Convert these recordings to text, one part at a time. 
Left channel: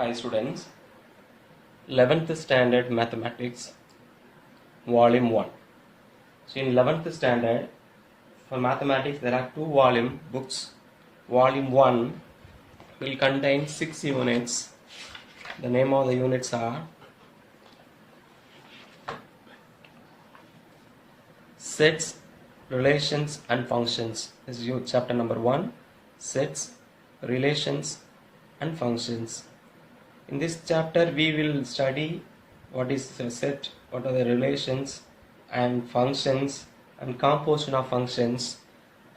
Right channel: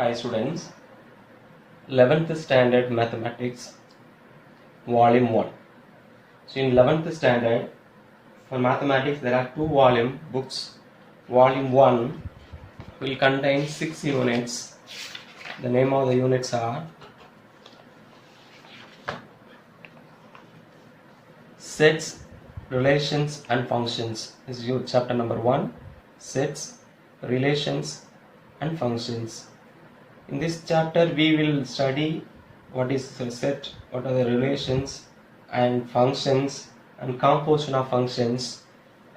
Hi students, 11th standard mathematics volume 1. So in 11th standard for mathematics there are two volume books. Volume 1 will contain 6 units. The name of the units are sets, relations and functions. This is chapter number 1, sets, relations and functions. In this chapter we will study what is a set, what are the relations and functions and composition of functions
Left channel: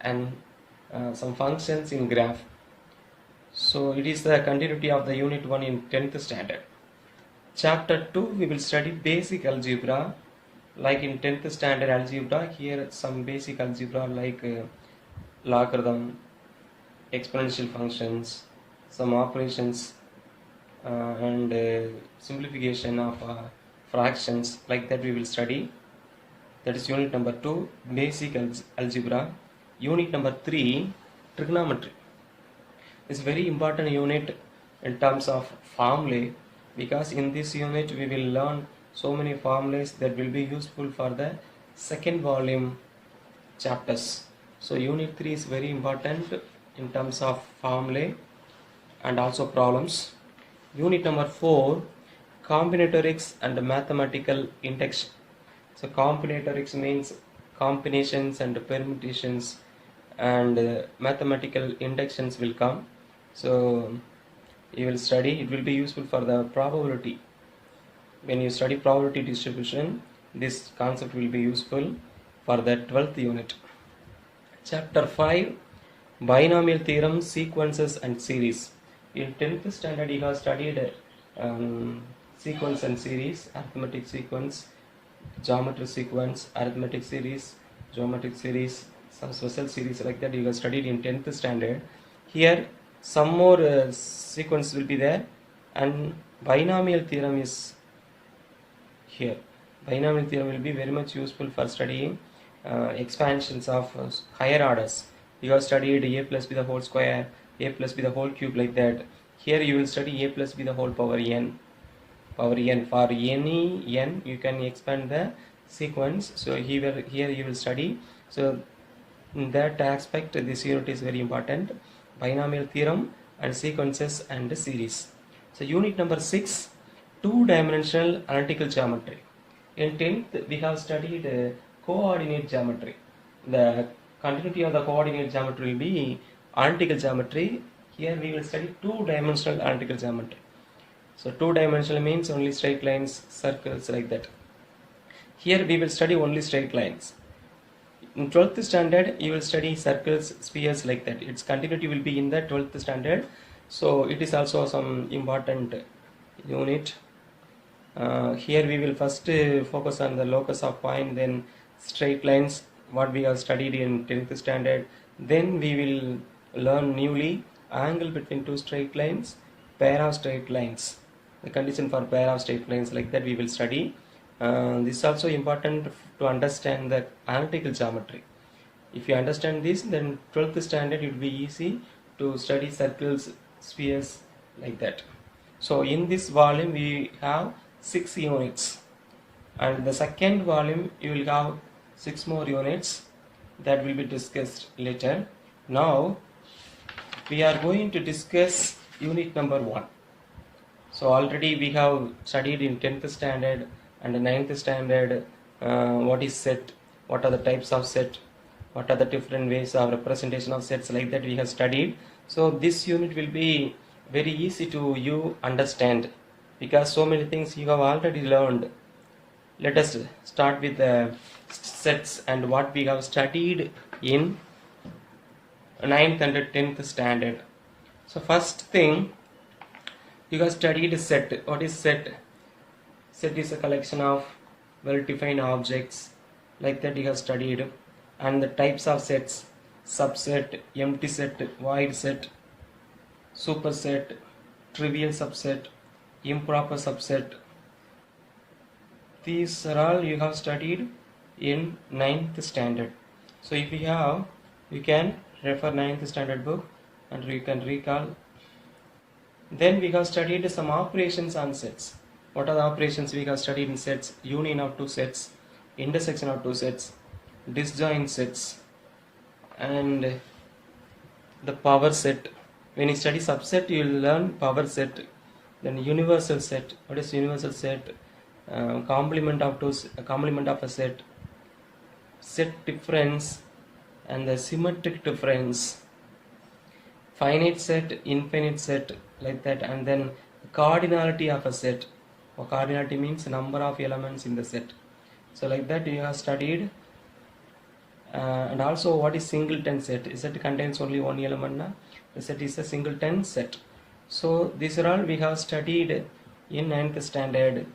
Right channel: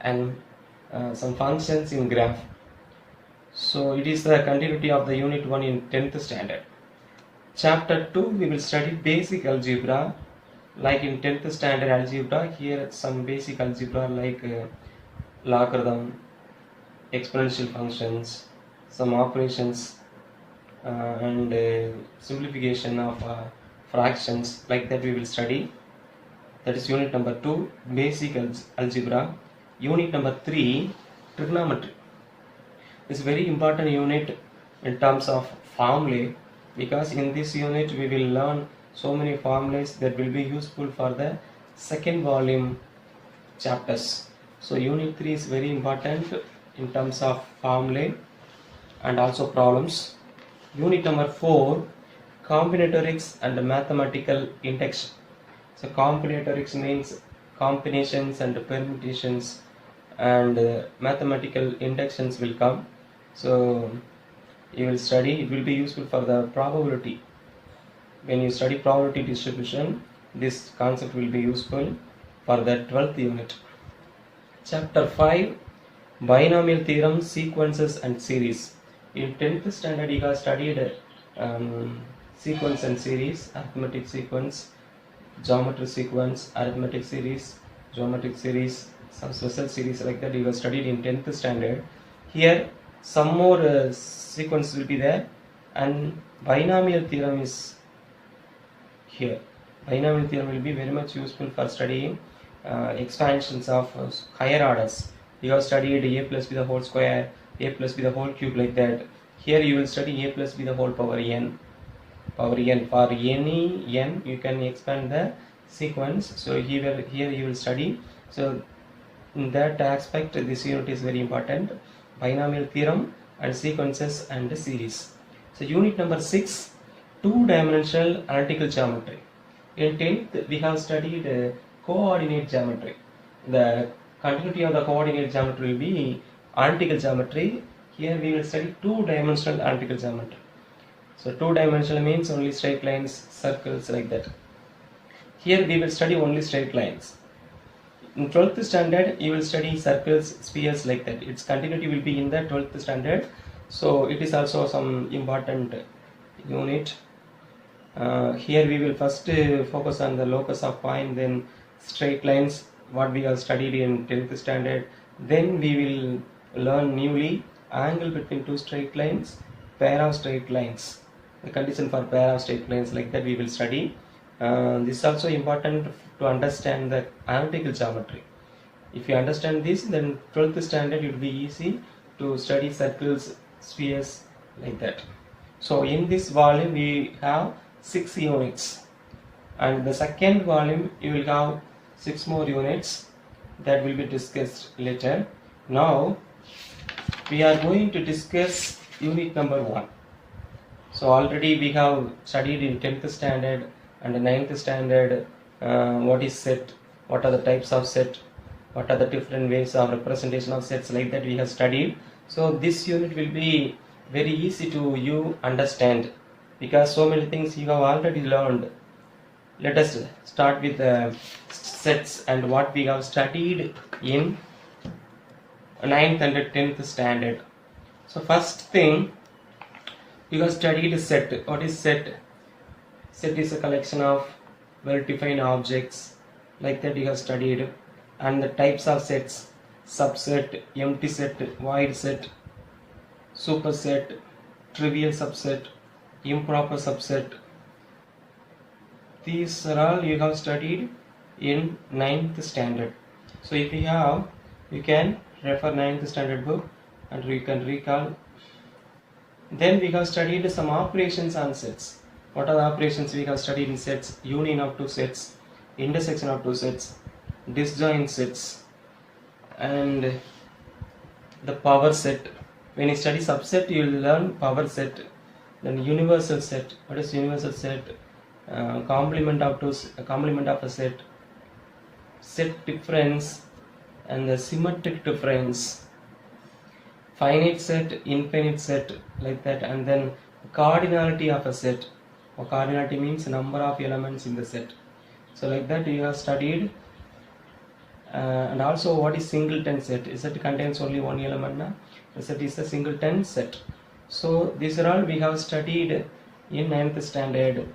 and some functions in graph. So it is the continuity of the unit 1 in 10th standard. Chapter 2 we will study basic algebra, like in 10th standard algebra. Here some basic algebra like logarithm, exponential functions, some operations and simplification of fractions, like that we will study. That is unit number 2, basic algebra. Unit number 3, trigonometry. It's very important unit in terms of formulae, because in this unit we will learn so many formulas that will be useful for the second volume chapters. So unit 3 is very important in terms of formulae and also problems. Unit number 4, combinatorics and mathematical induction. So combinatorics means combinations and permutations, and mathematical inductions will come. So you will study, it will be useful for the probability. When you study probability distribution, this concept will be useful for the 12th unit. Chapter 5, binomial theorem, sequences and series. In 10th standard you have studied sequence and series, arithmetic sequence, geometry sequence, arithmetic series, geometric series, some special series, like that you have studied in 10th standard. Here some more sequence will be there, and binomial theorem is here. Binomial theorem will be very much useful for studying expansions of higher orders. You have studied a plus b the whole square, a plus b the whole cube, like that. Here you will study a plus b the whole power n. For any n you can expand the sequence. So here you will study. So in that aspect this unit is very important, binomial theorem and sequences and series. So unit number 6, two-dimensional analytical geometry. In 10th we have studied coordinate geometry. The continuity of the coordinate geometry will be analytical geometry. Here we will study two-dimensional analytical geometry. So two-dimensional means only straight lines, circles, like that. Here we will study only straight lines. In 12th standard you will study circles, spheres, like that. Its continuity will be in the 12th standard. So it is also some important unit. Here we will first focus on the locus of point, then straight lines, what we have studied in 10th standard. Then we will learn newly angle between two straight lines, pair of straight lines, the condition for pair of straight lines, like that we will study. This is also important to understand the analytical geometry. If you understand this, then 12th standard it will be easy to study circles, spheres, like that. So in this volume we have 6 units, and the second volume you will have 6 more units that will be discussed later. Now we are going to discuss unit number 1. So already we have studied in 10th standard and 9th standard what is set, what are the types of set, what are the different ways of representation of sets, like that we have studied. So this unit will be very easy to you understand, because so many things you have already learned. Let us start with the sets and what we have studied in 9th and 10th standard. So first thing, you have studied set. What is set? Set is a collection of well-defined objects, like that you have studied. And the types of sets: subset, empty set, void set, superset, trivial subset, improper subset. These are all you have studied in 9th standard. So if you have, you can refer 9th standard book and you can recall Then we have studied some operations on sets. What are the operations we have studied in sets? Union of two sets, intersection of two sets, disjoint sets, and the power set. When you study subset, you will learn power set. Then universal set. What is universal set? Complement of a set, set difference, and the symmetric difference, finite set, infinite set, like that, and then cardinality of a set. Cardinality means number of elements in the set. So like that you have studied. And also what is singleton set? A set contains only one element. The set is a singleton set. So these are all we have studied in 9th standard.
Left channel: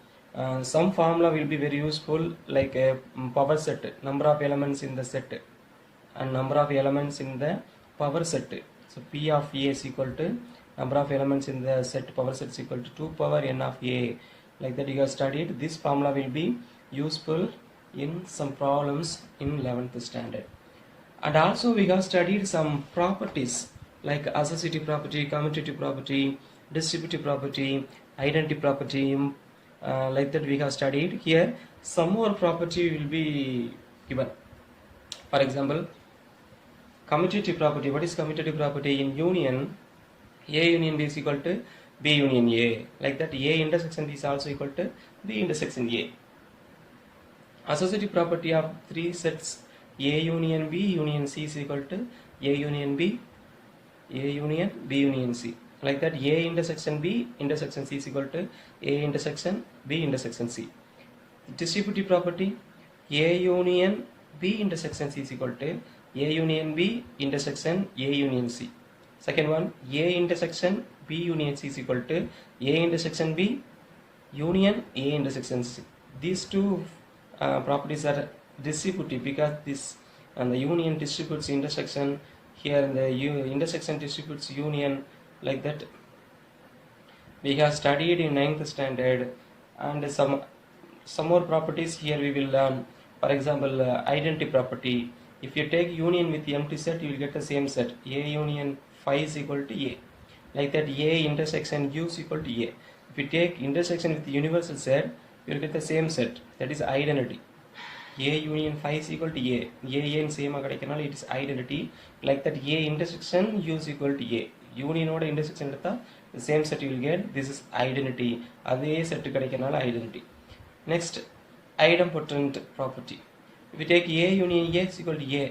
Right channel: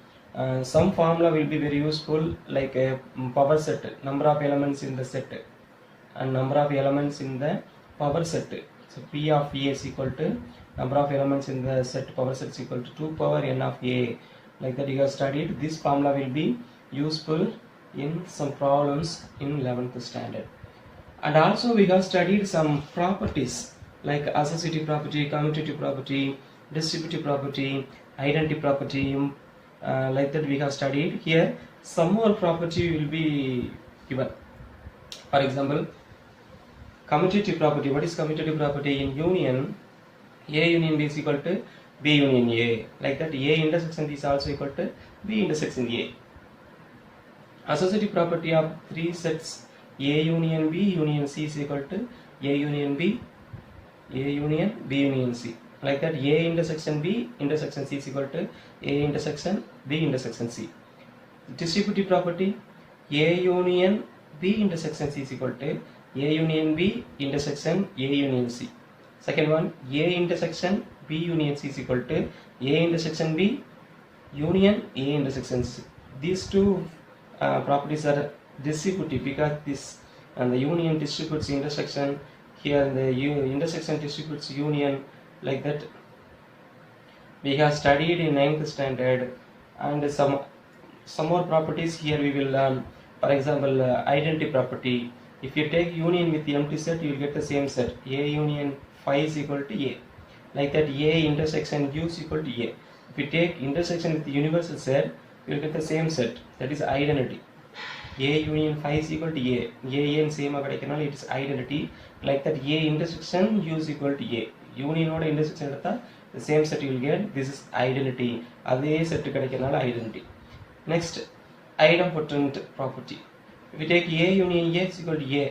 Some formula will be very useful, like a power set, number of elements in the set and number of elements in the power set. So P of A is equal to number of elements in the set power set is equal to 2 power n of A. Like that you have studied. This formula will be useful in some problems in 11th standard. And also we have studied some properties like associative property, commutative property, distributive property, identity property. Like that we have studied. Here some more property will be given. For example, commutative property. What is commutative property? In union, A union B is equal to B union A. Like that, A intersection B is also equal to B intersection A. Associative property of three sets A union B union C is equal to A union B, A union B union C. Like that, A intersection B intersection C is equal to A intersection B intersection C. Distributive property, A union B intersection C is equal to A union B intersection A union C. Second one, A intersection B union C is equal to A intersection B union A intersection C. These two properties are distributive because this and the union distributes intersection. Here the intersection distributes union. Like that we have studied in 9th standard. And some more properties here we will learn. For example, identity property. If you take union with the empty set, you will get the same set. A union phi is equal to A. Like that, A intersection U is equal to A. If you take intersection with the universal set, you will get the same set. That is identity. A union phi is equal to A. A and same கிடைக்கனால it is identity. Like that, A intersection U is equal to A. Union oda intersection எடுத்தா the same set you will get. This is identity. அதே set கிடைக்கனால identity. Next, idempotent property. If you take A union A is equal to A,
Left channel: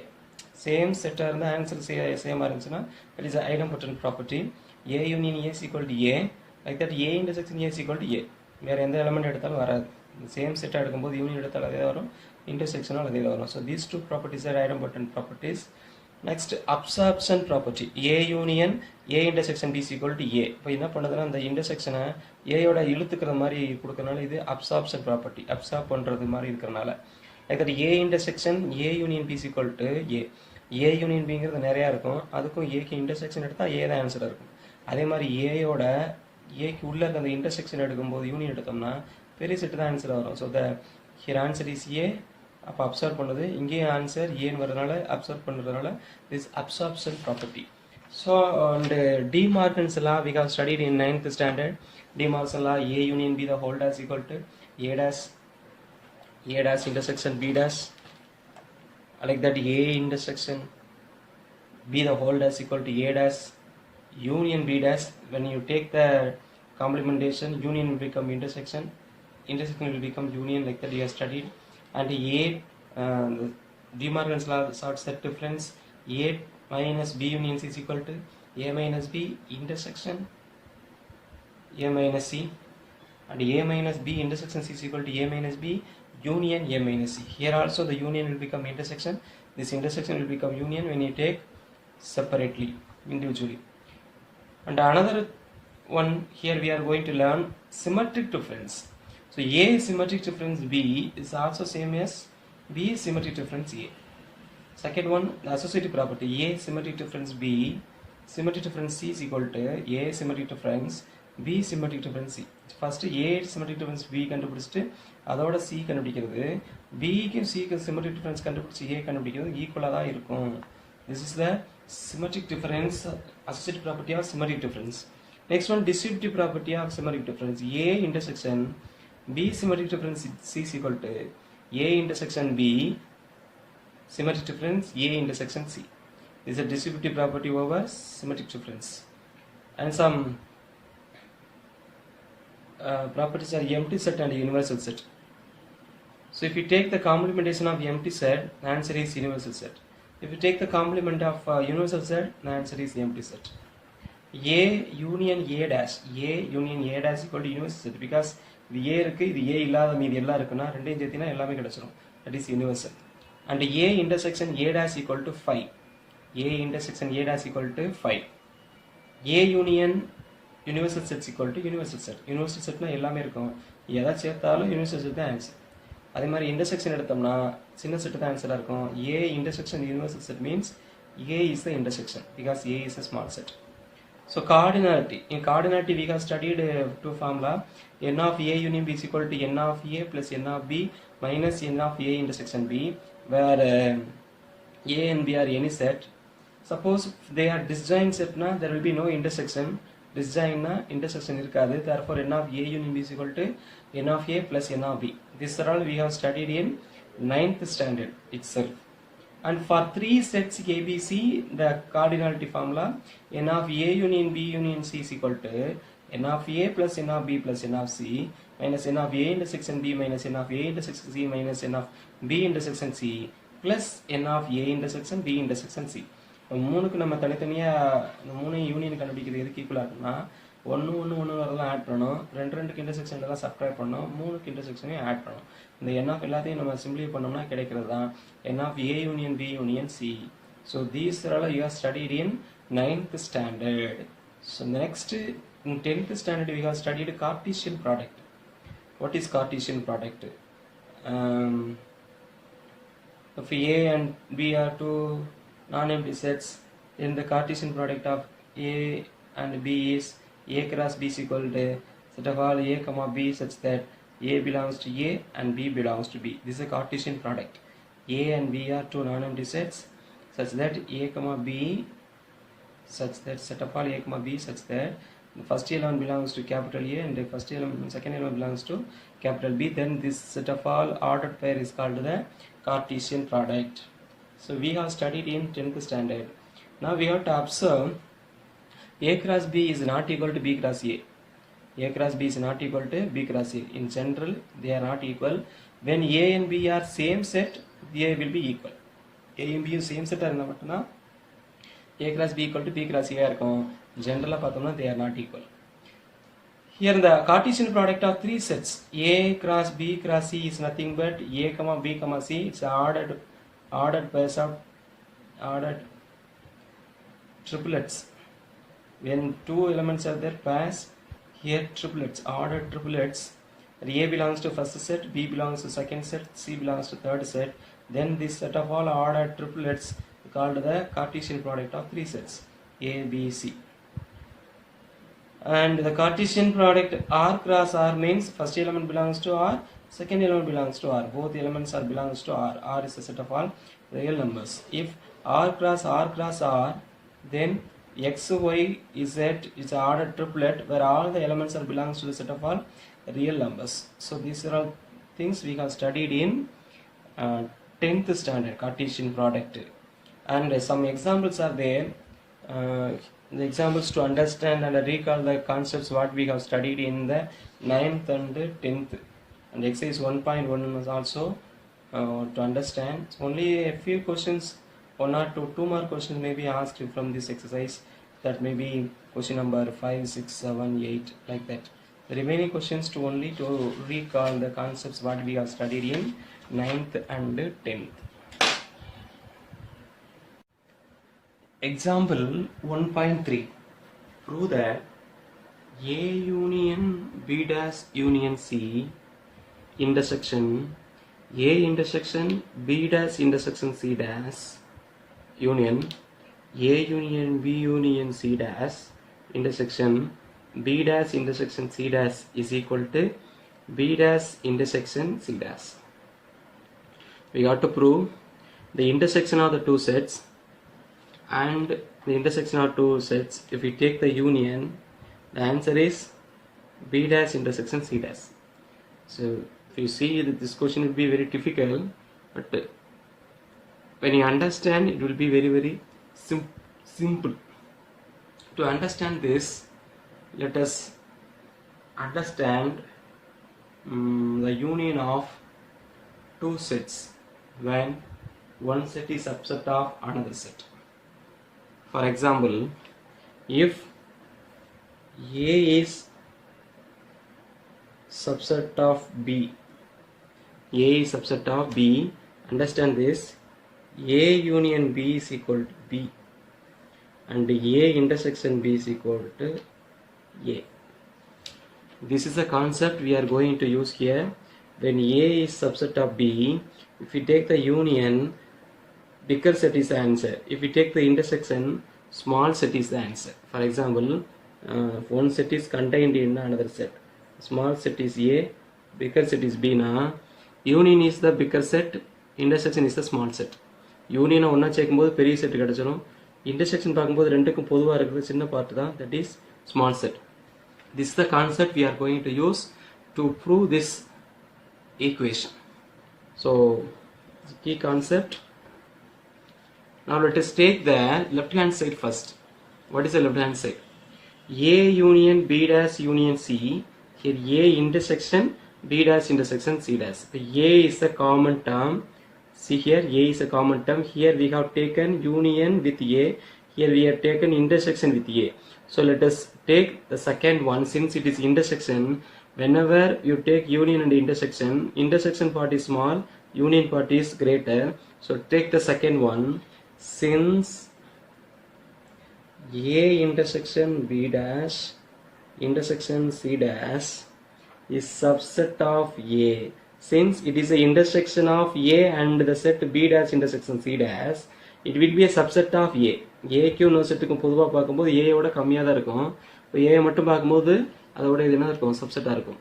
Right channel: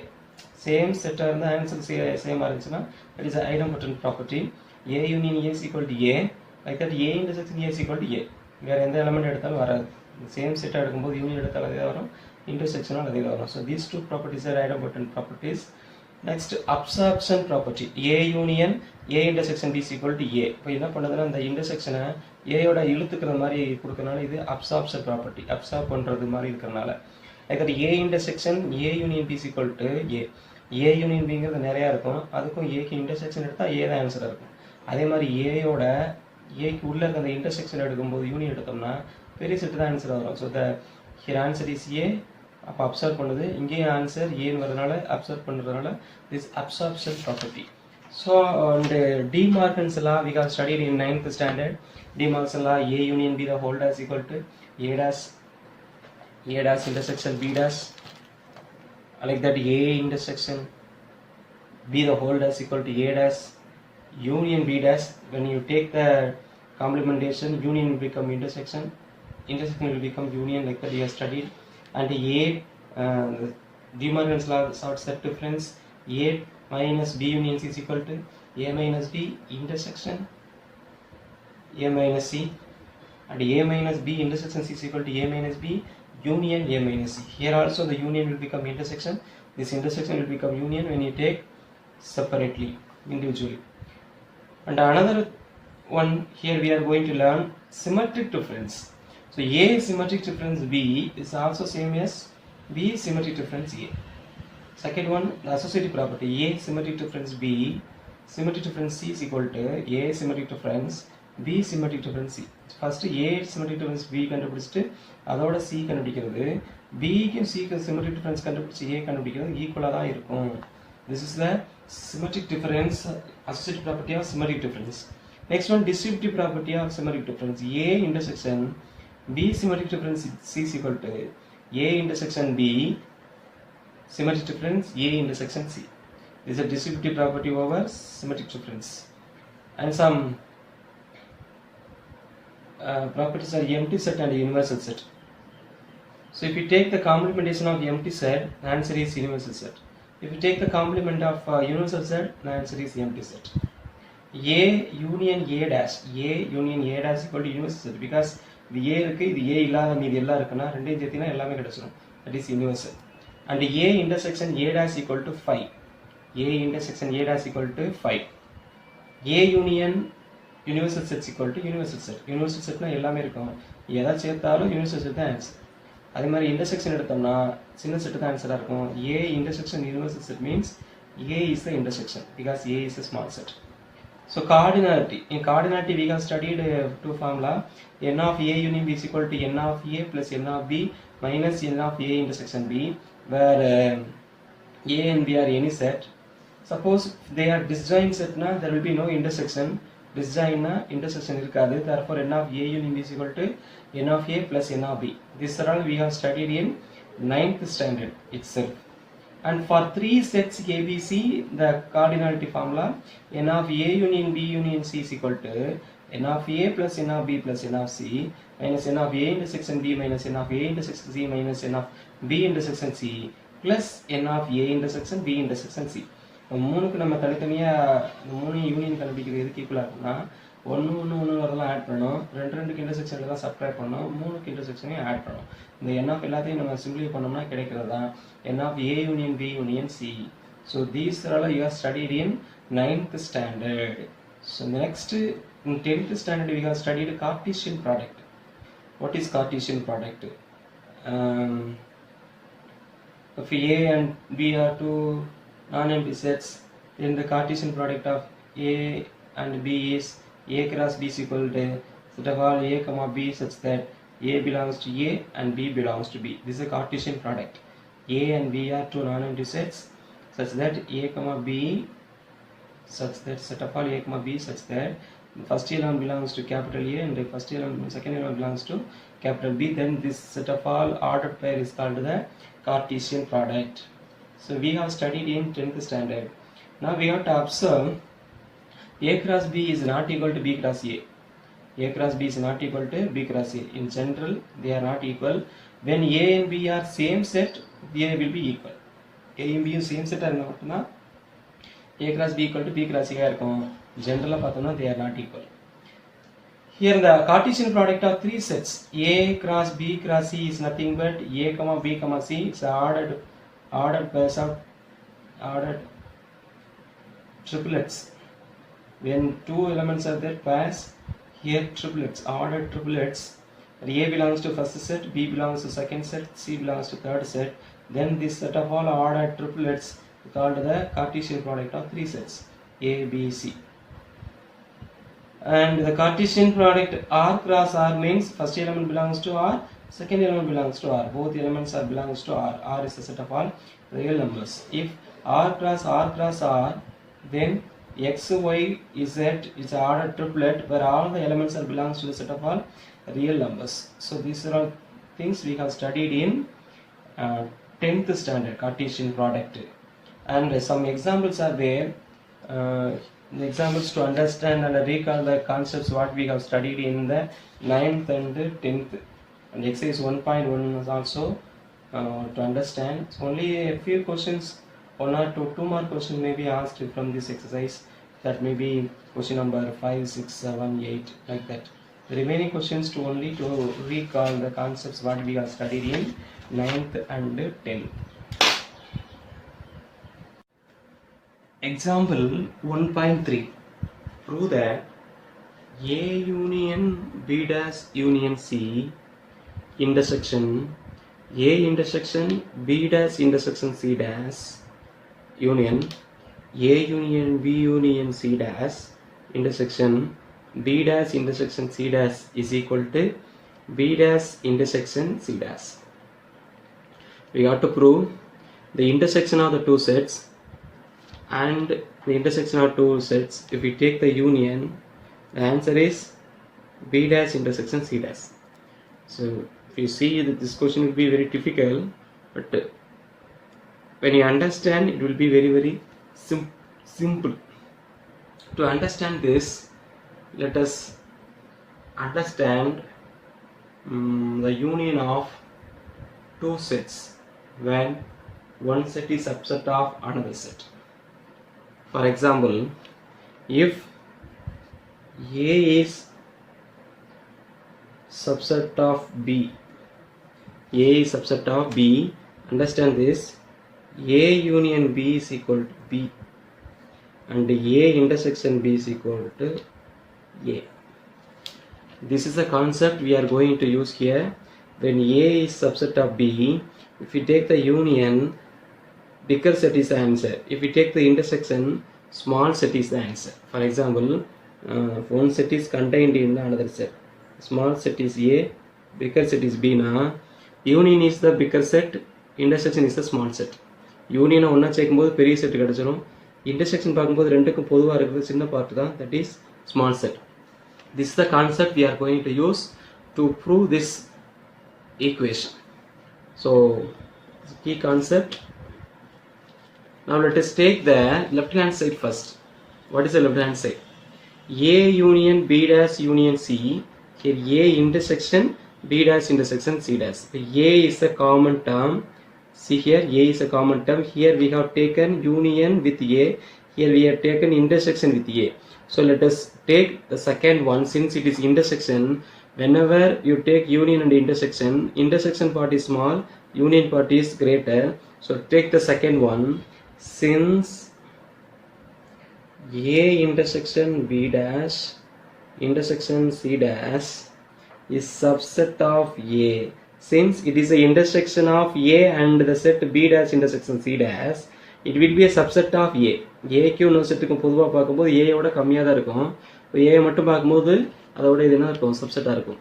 same set and the answer same arrangement, that is the idempotent property. A union A is equal to A. Like that, A intersection A is equal to A. வேற எந்த element எடுத்தாலும் வராது. Same set எடுக்கும்போது union எடுத்தாலும் அதே வரும், இன்டர்செக்ஷனும் அதே வரும். So these two properties are idempotent properties. Next, absorption property. A union A intersection B is equal to A. இப்போ என்ன பண்ணதுன்னா இந்த இன்டர்செக்ஷனை ஏயோட இழுத்துக்கிற மாதிரி கொடுக்கறனால இது absorption property. அப்சார்ப் பண்ணுறது மாதிரி இருக்கிறனால. Like that, A intersection A union B is equal to A. A union Bங்கிறது நிறையா இருக்கும். அதுக்கும் ஏக்கு இன்டர்செக்ஷன் எடுத்தால் ஏ தான் ஆன்சராக இருக்கும். அதே மாதிரி ஏயோட ஏக்கு உள்ள இருக்க அந்த இன்டர்செக்ஷன் எடுக்கும்போது யூனியன் எடுத்தோம்னா பெரிய செட்டு தான் ஆன்சர் வரும். So the here answer is A. அப்போ அப்சர்வ் பண்ணுது, இங்கேயும் ஆன்சர் ஏங்கிறதுனால அப்சர்வ் பண்ணுறதுனால this absorption property. So and De Morgan's law we have studied in 9th standard. De Morgan's law A union B the whole dash equal to A dash intersection B dash. Like that, A intersection B the whole dash equal to A dash union B dash. When you take the complementation, union will become intersection will become union. Like that, you have studied. And A De Morgan's law sort set difference, A minus B union C is equal to A minus B intersection A minus C, and A minus B intersection C is equal to A minus B union A minus C. Here also the union will become intersection. This intersection will become union when you take separately, individually. And another one, here we are going to learn symmetric difference. So A symmetric difference B is also same as B symmetric difference A. Second one, the associative property, A symmetric difference B, symmetric difference C is equal to A symmetric difference B symmetric difference C. First A symmetric difference B கண்டுபிடிச்சிட்டு அதோட C கண்டுபிடிக்கிறது, B க்கும் C க்கும் symmetric difference கண்டுபிடிச்சி A கண்டுபிடிக்கிறது ஈக்குவலாக தான் இருக்கும். This is the symmetric difference, associative property of symmetric difference. Next one, distributive property of symmetric difference. A intersection B symmetric difference C is equal to A intersection B symmetric difference A intersection C. This is a distributive property over symmetric difference. And some properties are empty set and universal set. So if you take the complementation of empty set, the answer is universal set. If you take the complement of universal set, the answer is empty set. A union A dash equal to universal set because இது A இருக்கு, இது A இல்லாத மீதி எல்லாம் இருக்குன்னா ரெண்டையும் சேர்த்தினா எல்லாமே கிடைச்சிடும். That is universal. And A intersection A dash equal to 5. A intersection A dash equal to 5. A union universal set equal to universal set. Universal setனா எல்லாமே இருக்கும். எதை சேர்த்தாலும் universal set தான் ஆன்சர். அதே மாதிரி இன்டர்செக்ஷன் எடுத்தோம்னா சின்ன செட்டு தான் ஆன்சராக இருக்கும். A intersection universal set means A is the intersection because A is a small set. So cardinality. In cardinality we have studied two formula. N of A union B is equal to N of A plus N of B minus N of A intersection B, where A and B are any set. Suppose they are disjoint set na, there will be no intersection. Disjoint na intersection irukadu. Therefore N of A union B is equal to N of A plus N of B. This all we have studied in 9th standard itself. And for three sets ABC, the cardinality formula N of A union B union C is equal to N of A plus N of B plus N of C minus N of A intersection B minus N of A intersection C minus N of B intersection C plus N of A intersection B intersection C. மூணுக்கு நம்ம தனித்தனியாக மூணு union கண்டுபிடிக்கிறது எதுக்கு ஈக்குவலாக இருக்குன்னா ஒன்று வரலாம் ஆட் பண்ணணும், ரெண்டுக்கு இன்டர்செக்ஷனில் தான் சப்ஸ்கிரைப் பண்ணணும், மூணுக்கு இன்டர்செக்ஷனையும் ஆட் பண்ணணும். இந்த என் ஆஃப் எல்லாத்தையும் நம்ம சிம்பிளை பண்ணோம்னா கிடைக்கிறது தான் N of A union B union C. So these are all you have studied in 9th standard. So next in 10th standard we have studied Cartesian product. What is Cartesian product? If A and B are two non-empty sets, then the Cartesian product of A and B is A cross B is equal to set of all A comma B such that A belongs to A and B belongs to B. This is a Cartesian product. A and B are two non-empty sets such that A comma B such that set of all A comma B such that the first element belongs to capital A and the second element belongs to capital B. Then this set of all ordered pair is called the Cartesian product. So we have studied in 10th standard. Now we have to observe A cross B is not equal to B cross A. A cross B is not equal to B cross A. In general, they are not equal. When A and B are same set, they will be equal. A and B are same set are A cross B equal to B cross A. Generally, they are not equal. Here the Cartesian product of three sets A cross B cross C is nothing but A comma B comma C. It's ordered pairs of ordered triplets. When two elements are there, pairs. Here triplets, ordered triplets. A belongs to first set, B belongs to second set, C belongs to third set. Then this set of all ordered triplets is called the Cartesian product of three sets A, B, C. And the Cartesian product R cross R means first element belongs to R, second element belongs to R. Both elements are belongs to R. R is a set of all real numbers. If R cross R, then X, Y, Z is an ordered triplet where all the elements are belongs to the set of all real numbers. So these are all things we have studied in 10th standard Cartesian product. And some examples are there. The examples to understand and recall the concepts what we have studied in the 9th and 10th. And exercise 1.1 is also to understand. Only a few questions, one or two more questions may be asked from this exercise. That may be question number 5, 6, 7, 8 like that. The remaining questions to only to recall the concepts what we have studied in 9th and 10th. Example 1.3. Prove that A union B dash union C intersection A intersection B dash intersection C dash union A union B union C dash intersection B dash intersection C dash is equal to B dash intersection C dash. We have to prove the intersection of the two sets and the intersection of two sets. If we take the union, The answer is B dash intersection C dash. So if you see that this question will be very difficult, but when you understand, it will be very simple. To understand this, let us understand the union of two sets when one set is subset of another set. For example, if A is subset of B, A is subset of B, understand this, A union B is equal to B and A intersection B is equal to A. This is the concept we are going to use here. When A is subset of B, if we take the union, bigger set is the answer. If we take the intersection, small set is the answer. For example, one set is contained in another set. Small set is A, bigger set is B. Now, union is the bigger set, intersection is the small set. Union ஒன்றா சேர்க்கும்போது பெரிய set கிடச்சிடும். Intersection பார்க்கும்போது ரெண்டுக்கும் பொதுவாக இருக்கிறது சின்ன part தான், that is small set. This is the concept we are going to use to prove this equation. So, key concept. Now let us take the left hand side first. What is the left hand side? A union B dash union C. Here A intersection B dash intersection C dash. A is a common term. See here, A is a common term. Here we have taken union with A. Here we have taken intersection with A. So let us take the second one. Since it is intersection, whenever you take union and intersection part is small, union part is greater. So take the second one. Since A intersection B dash intersection C dash is subset of A, since it is the intersection of A and the set B dash intersection C dash, it will be a subset of A. A க்கு இன்னொரு செட்டுக்கும் பொதுவாக பார்க்கும்போது A யோட கம்மியாக தான் இருக்கும். இப்போ A மட்டும் பார்க்கும்போது அதோட இது என்ன இருக்கும், சப்செட்டாக இருக்கும்.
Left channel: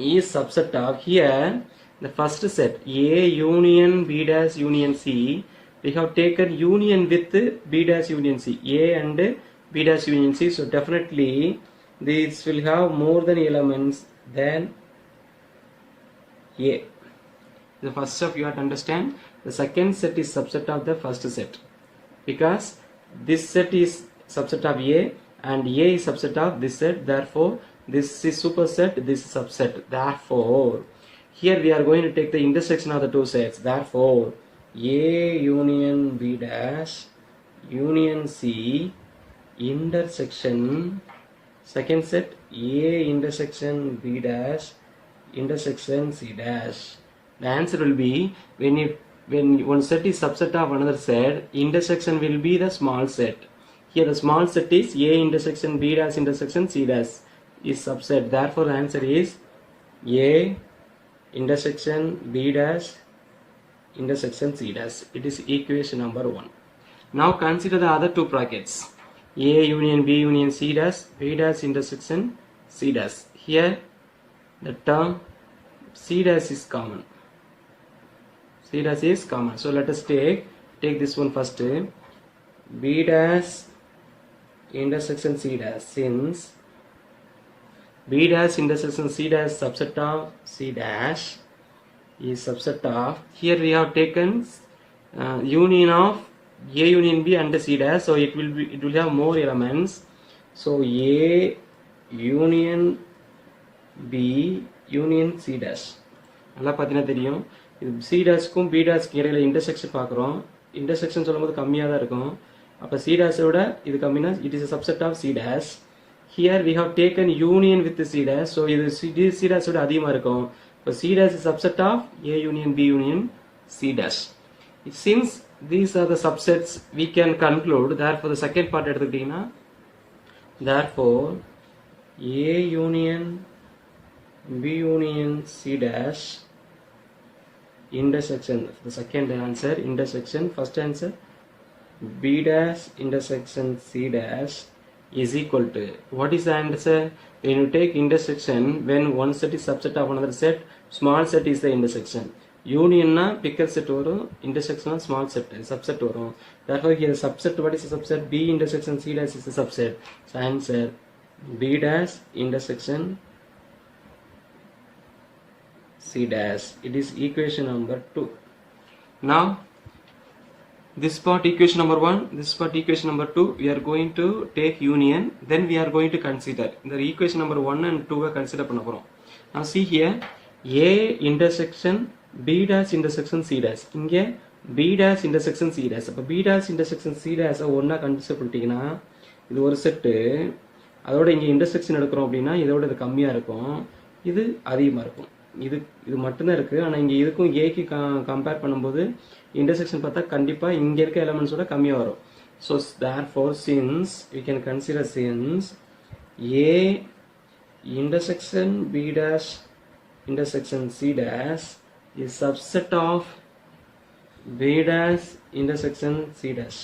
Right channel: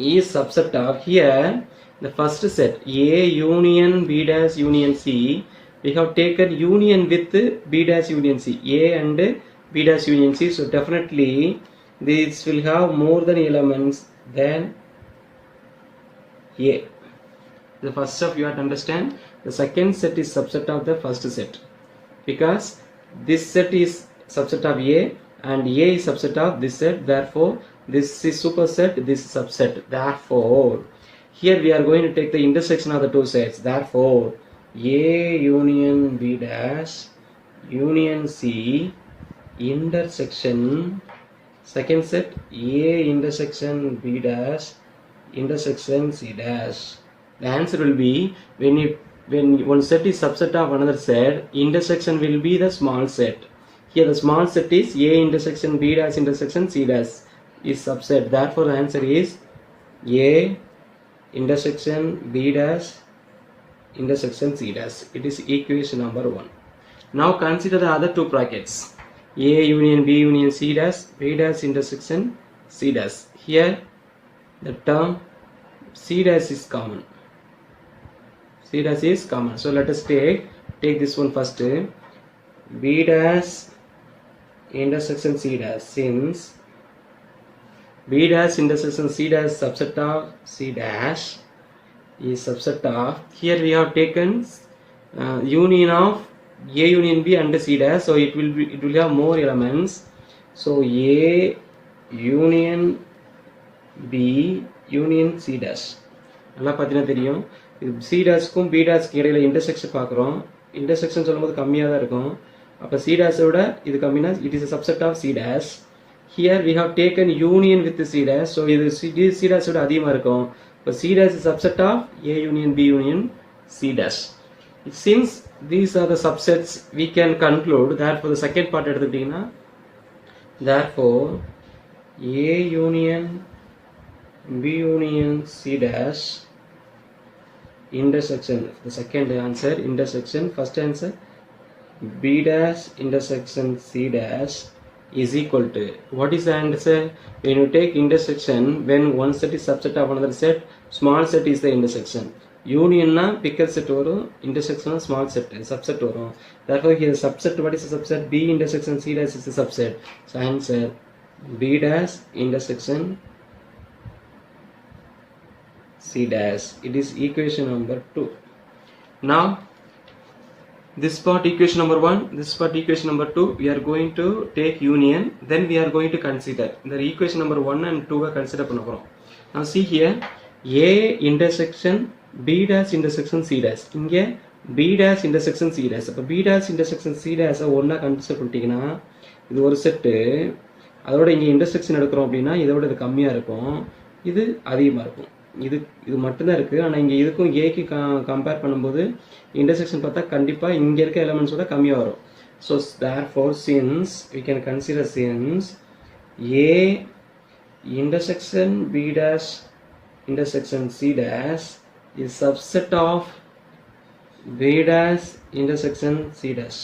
is subset of, here the first set A union B dash union C, we have taken union with B dash union C, A and B dash union C. So definitely this will have more than elements than A. The first step you have to understand, the second set is subset of the first set, because this set is subset of A and A is subset of this set. Therefore this is superset, this is subset. Therefore here we are going to take the intersection of the two sets. Therefore A union B dash union C intersection, second set A intersection B dash intersection C dash. The answer will be, when one set is subset of another set, intersection will be the small set. Here the small set is A intersection B dash intersection C dash is subset. Therefore the answer is A intersection B dash intersection C dash. It is equation number 1. Now consider the other two brackets. A union B union C dash, B dash intersection C dash. Here the term C dash is common. C dash is common. So let us take this one first. B dash intersection C dash. Since B dash intersection C dash subset of C dash is subset of, here we have taken union of A union B and C dash, so it will have more elements. So A union B union C dash. நல்லா பார்த்தீங்கன்னா தெரியும், இது C dash-க்கும் B dash-க்கு இடையில intersection பார்க்குறோம். Intersection சொல்லும்போது கம்மியாக தான் இருக்கும். அப்போ C dash-ஓட இது கம்மினா it is a subset of C dash. Here we have taken union with the C dash, so இது C dash-ஓட அதிகமாக இருக்கும். So C dash is subset of A union B union C dash. Since these are the subsets, we can conclude that for the second part எடுத்துக்கிட்டீங்கன்னா, therefore A union B union C dash intersection, the second answer intersection, first answer B dash intersection C dash is equal to, what is the answer? When you take intersection, when one set is subset of another set, small set is the intersection. Union na bigger set varum, intersection na small set, subset varum. Therefore here subset, what is the subset? B intersection C dash is the subset. So answer B dash intersection C dash. It is equation number 2. Now this part equation number 1, this part equation number 2, we are going to take union, then we are going to consider the equation number 1 and 2 consider பண்ண போறோம். Now see here, A intersection B dash intersection C dash. இங்க B dash intersection C dash. அப்ப B dash intersection C dash ஒண்ணா consider பண்ணிட்டீங்கன்னா இது ஒரு set, அதோட இங்க இன்டர்செக்ஷன் எடுக்கிறோம் அப்படின்னா இதோட இது கம்மியா இருக்கும், இது அதிகமா இருக்கும். இது மட்டும்தான் இருக்கு. ஆனா இங்க இதுக்கும் ஏக்கு கம்பேர் பண்ணும்போது இன்டர்செக்ஷன் பார்த்தா கண்டிப்பா இங்க இருக்க எலிமெண்ட்ஸோட கம்மியா வரும். So therefore since we can consider since A intersection B dash intersection C dash is subset of B dash intersection C dash.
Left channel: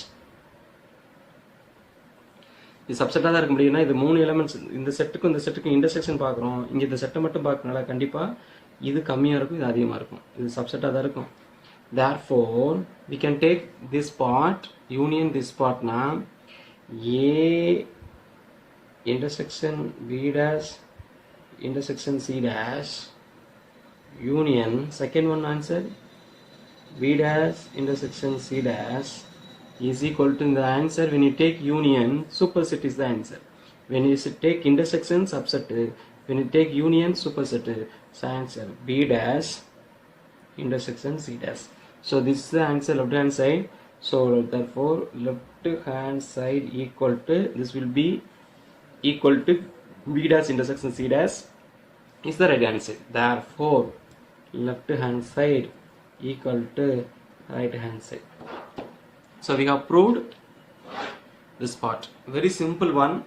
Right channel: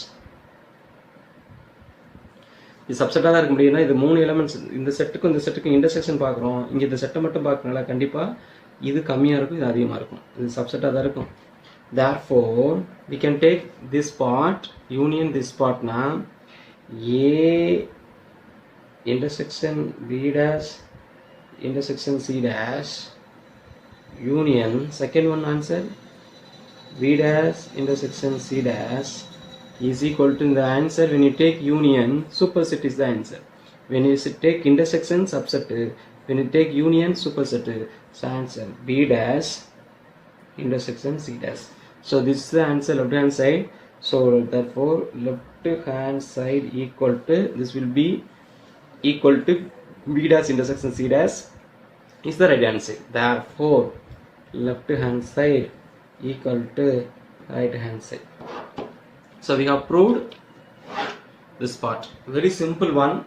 இது சப்செட்டாக தான் இருக்க முடியும்னா இது 3 எலிமெண்ட்ஸ், இந்த செட்டுக்கும் இந்த செட்டுக்கும் இன்டர்செக்ஷன் பார்க்குறோம், இங்கே இந்த செட்டை மட்டும் பார்க்கணுங்களா, கண்டிப்பாக இது கம்மியாக இருக்கும், இது அதிகமாக இருக்கும், இது சப்செட்டாக தான் இருக்கும். Therefore we can take this part union this part na A intersection B dash intersection C dash union, second one answer B dash intersection C dash is equal to the answer. When you take union, superset is the answer. When you take intersection, subset. When you take union, superset, it's the answer B dash intersection C dash. So this is the answer, left hand side. So therefore left hand side equal to, this will be equal to B dash intersection C dash is the right answer. Therefore left hand side equal to right hand side. So we have proved this part. Very simple one.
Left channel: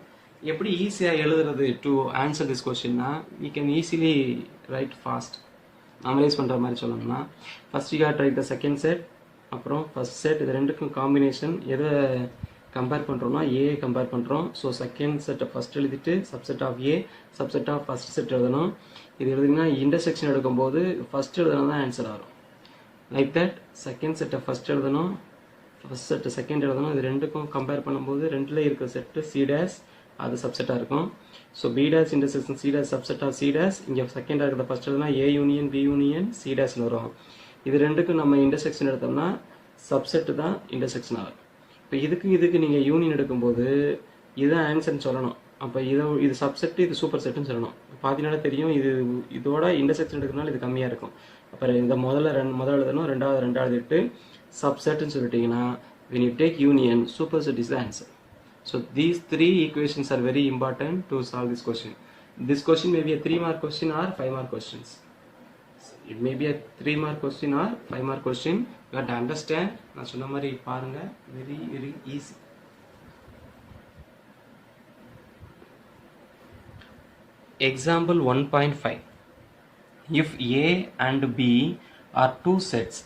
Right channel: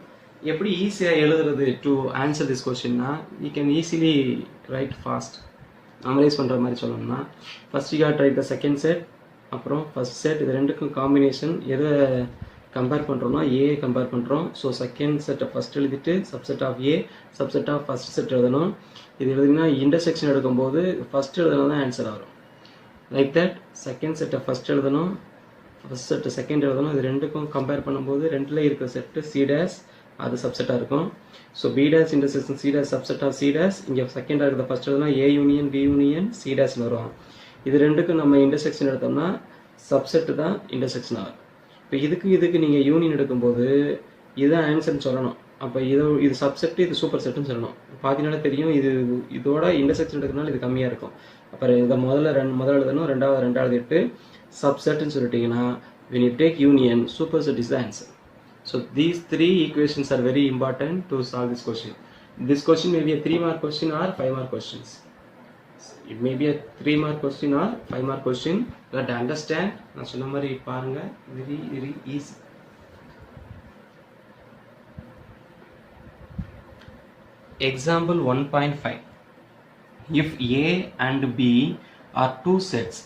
எப்படி ஈஸியாக எழுதுறது to answer this question na, we can easily write fast. Analyse பண்ணுற மாதிரி சொல்லணும்னா first you had write the second set, அப்புறம் first set, இது ரெண்டுக்கும் combination எதை கம்பேர் பண்ணுறோம்னா ஏ கம்பேர் பண்ணுறோம். ஸோ செகண்ட் செட்டை ஃபஸ்ட் எழுதிட்டு subset of A subset of first set எழுதணும். இது எழுதிங்கன்னா இன்டர்செக்ஷன் எடுக்கும்போது ஃபஸ்ட் எழுதணும் தான் ஆன்சர் ஆகும். லைக் தட் செகண்ட் செட்டை ஃபஸ்ட் எழுதணும், ஃபஸ்ட் செட்டு செகண்ட் எழுதணும். இது ரெண்டுக்கும் கம்பேர் பண்ணும்போது ரெண்டில் இருக்கிற செட்டு சி டேஸ் அது சப்செட்டாக இருக்கும். So B dash intersection C dash subset of C dash, இங்கே செகண்டாக இருக்கிற ஃபஸ்ட் எழுதுனா A union B union C டேஸ்னு வரும். இது ரெண்டுக்கும் நம்ம இன்டர்செக்ஷன் எடுத்தோம்னா சப்செட்டு தான் இன்டர்செக்ஷன் ஆகும். இப்போ இதுக்கு நீங்கள் யூனியன் எடுக்கும்போது இதுதான் ஆன்சர்னு சொல்லணும். அப்போ இது சப்செட்டு இது சூப்பர் செட்டுன்னு சொல்லணும். பார்த்தீங்கன்னா தெரியும் இதோட இன்டர்செக்ஷன் எடுக்கிறதுனால இது கம்மியாக இருக்கும். அப்புறம் இதை முதல்ல எழுதணும், ரெண்டாவது இட்டு சப்செட்னு சொல்லிட்டீங்கன்னா when you take union, superset is the answer. So these 3 equations are very important to solve this question. This question may be a 3-mark question or 5-mark questions. It may be a 3-mark question or 5-mark question. You have to understand. நான் சொன்ன மாதிரி பாருங்க, very very easy. Example 1.5. If A and B are 2 sets,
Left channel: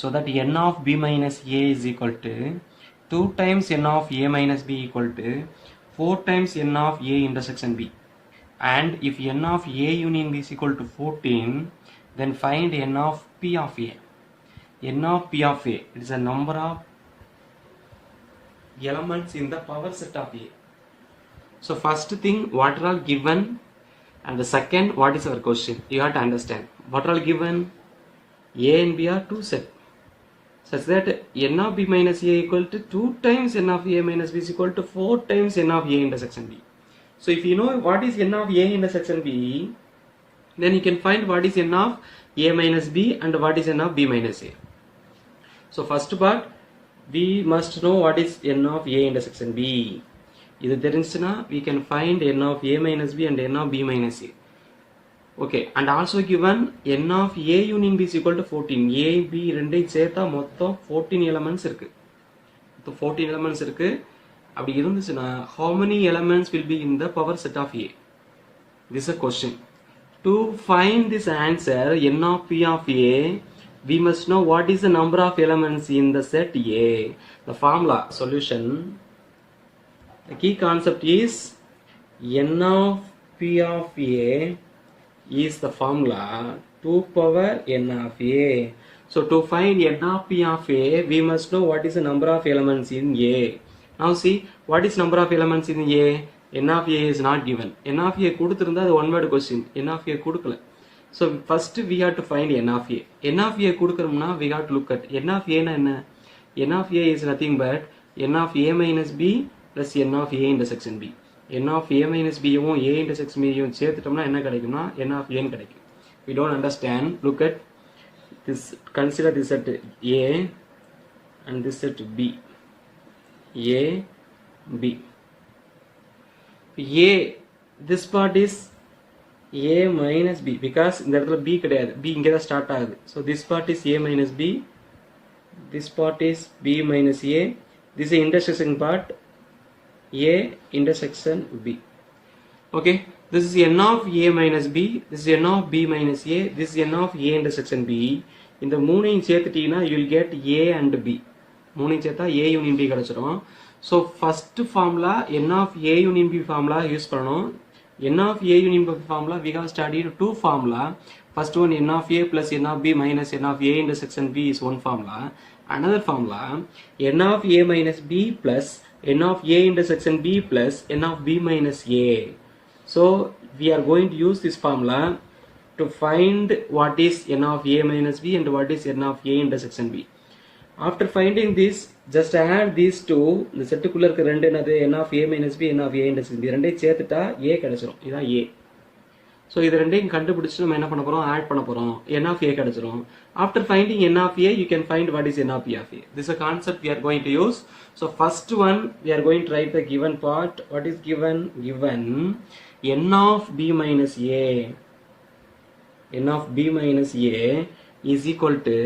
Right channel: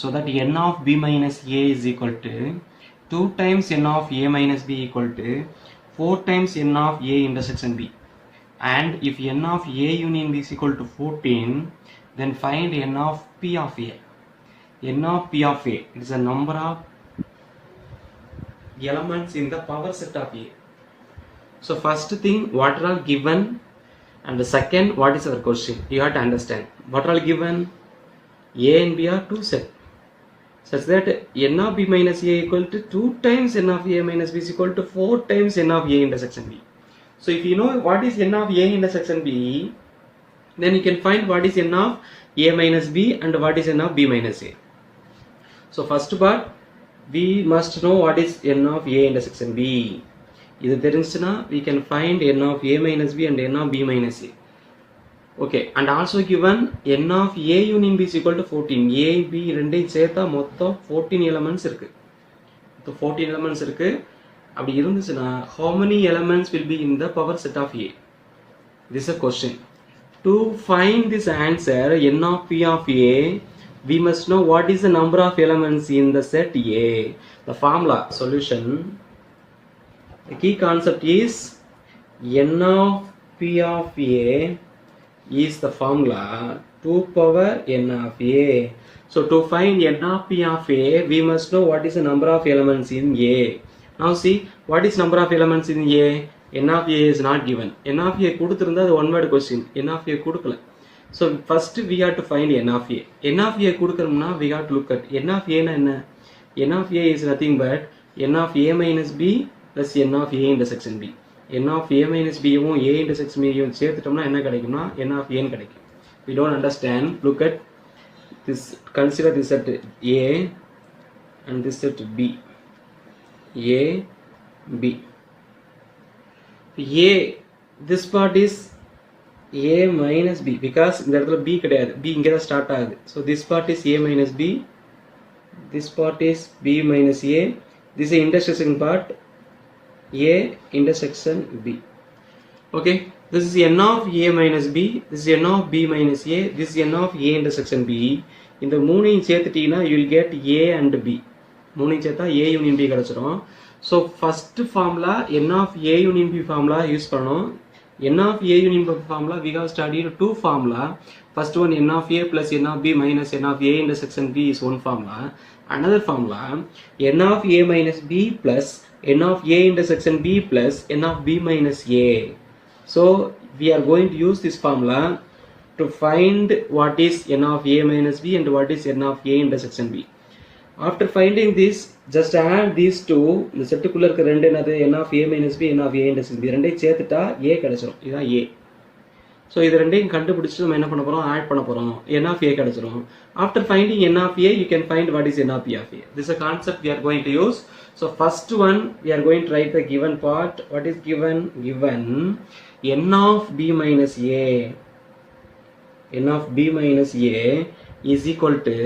so that n of B minus A is equal to 2 times n of A minus B equal to 4 times n of A intersection B. And if n of A union B is equal to 14, then find n of P of A. N of P of A, it is a number of elements in the power set of A. So first thing, what are all given, and the second, what is our question? You have to understand. What are all given? A and B are 2 sets, such that n of B minus A equal to 2 times n of A minus B is equal to 4 times n of A intersection B. So if you know what is n of A intersection B, then you can find what is n of A minus B and what is n of B minus A. So first part, we must know what is n of A intersection B. இது தெரிஞ்சுனா we can find n of A minus B and n of B minus A. Okay, and also given n of A union B is equal to 14. A, B ரெண்டையும் சேர்த்தா மொத்தம் 14 elements இருக்கு. இப்போ 14 elements இருக்கு. அப்படி இருந்துச்சுன்னா how many elements will be in the power set of A? This is a question. To find this answer n of P of A, we must know what is the number of elements in the set A. The formula solution, the key concept is n of P of A is the formula 2 power n of A. So to find n of P of A, we must know what is the number of elements in A. Now see, what is number of elements in A? n of a is not given. n of a கொடுத்திருந்தா அது one word question. n of a கொடுக்கல. So first we have to find n of a. n of a கொடுக்கறோம்னா we have to look at n of a னா என்ன? n of a is nothing but n of a minus b plus n of a intersection b. n of a minus b யும் a intersection b யும் சேர்த்துட்டோம்னா என்ன கிடைக்கும்னா n of a ன்னு கிடைக்கும். We don't understand. Look at this. Consider this set a and this set b. a b. a this part is a minus b because இந்த இடத்துல b கிடையாது, b இங்க தான் ஸ்டார்ட் ஆகுது. So this part is a minus b, this part is b minus a, this is intersection part, a intersection b. Okay, this is n of a minus b, this is n of b minus a, this is n of a intersection b. இந்த மூணையும் சேர்த்துட்டீங்கன்னா you will get a and b. மூணையும் சேர்த்தா a union b கிடைச்சிரும். So first formula n of a union b formula use பண்ணணும். n of a union b formula we have studied two formula. First one n of a plus n of b minus n of a intersection b is one formula. Another formula n of a minus b plus n of a intersection b plus n of b minus a. So we are going to use this formula to find what is n of a minus b and what is n of a intersection b. After finding this, just add these two. இந்த செட்டுக்குள்ள இருக்க ரெண்டு என்னது n of a minus b, n of a intersection b. ரெண்டையும் சேர்த்துட்டா a கிடைச்சிரும். இதான் a. So இது ரெண்டையும் கண்டுபிடிச்சு நம்ம என்ன பண்ண போறோம், ஆட் பண்ண போறோம். n of a கிடைச்சிரும். After finding n of a, you can find what is n of p of a. This is a concept we are going to use. So first one, we are going to write the given part. What is given? Given n of b minus a. n of b minus a is equal to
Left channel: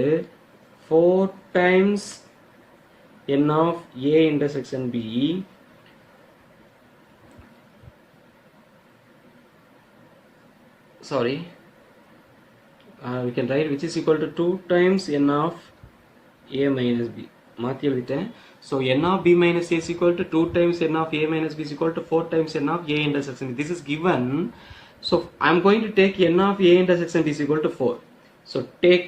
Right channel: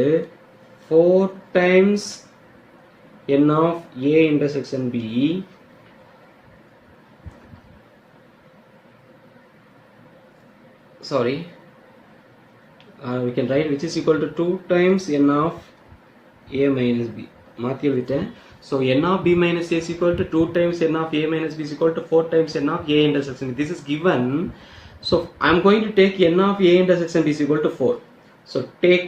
4 times n of a intersection b we can write which is equal to 2 times n of a minus b. மாத்தி எழுதிட்டேன். So n of b minus a is equal to 2 times n of a minus b is equal to 4 times n of a intersection b. This is given. So I am going to take n of a intersection b is equal to 4. So take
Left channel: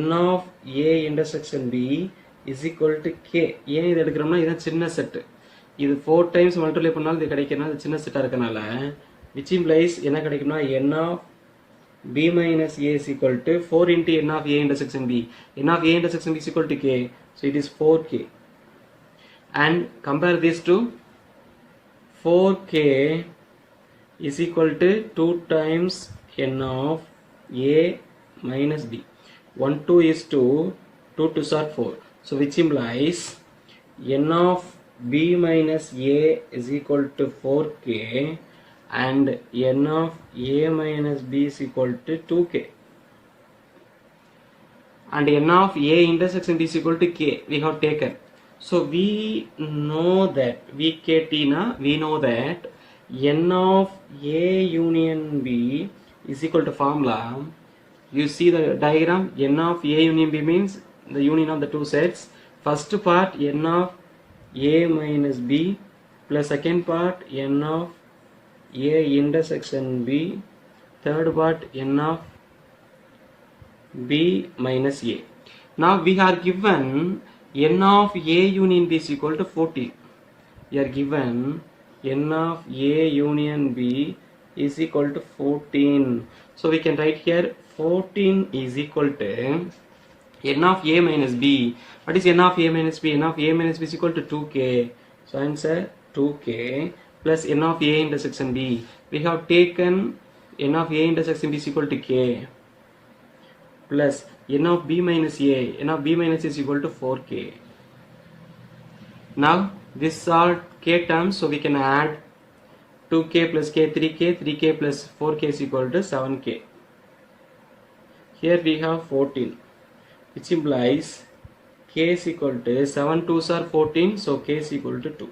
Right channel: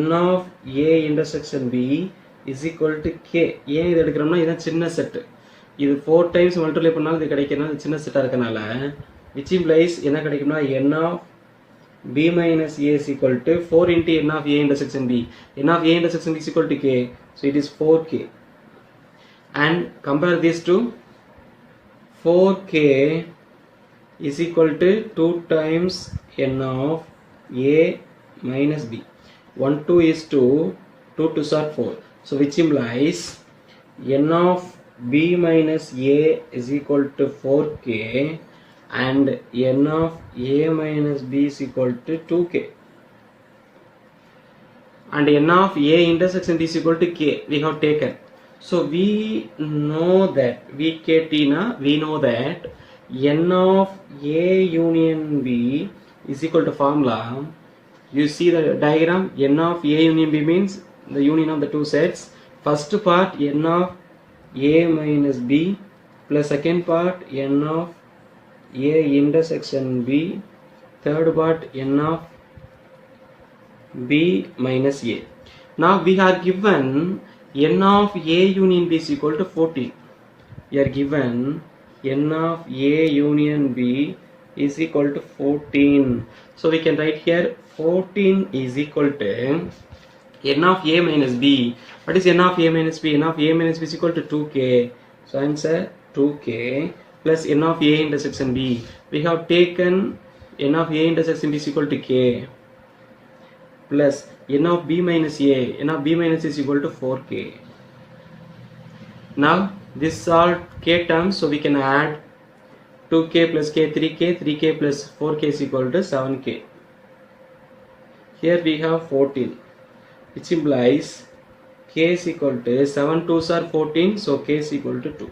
n of a intersection b is equal to k. ஏன் இது எடுக்கிறோம்னா இதான் சின்ன set. இது 4 times multiply பண்ணாலும் இது கிடைக்கிறதுனால சின்ன செட்டாக இருக்கனால which implies என்ன கிடைக்கும்னா n of b minus a is equal to 4 into n of a intersection b. n of a intersection b is equal to k. So it is 4k. And compare these two. 4k is equal to 2 times n of a minus b. 1 2 is 2, 2 2s are 4. So which implies n of b minus a is equal to 4k and n of a minus b is equal to 2k. And n of a intersection b is equal to k we have taken. So we know that we know that n of a union b is equal to formula. You see the diagram, n of a union b means the union of the two sets. First part n of a minus b plus second part n of a intersection b, third part n of b minus a. Now we are given n of a union b is equal to 14. We are given n of a union b is equal to 14. So we can write here 14 is equal to n of a minus b. What is n of a minus b? n of a minus b is equal to 2k. So answer 2k plus n of a intersection b. We have taken n of a intersection b is equal to k plus n of b minus a. n of b minus a is equal to 4k. Now this are k terms, so we can add 2k plus k 3k, 3k plus 4k is equal to 7k. Here we have 14, which implies k is equal to 7 2s are 14, so k is equal to 2.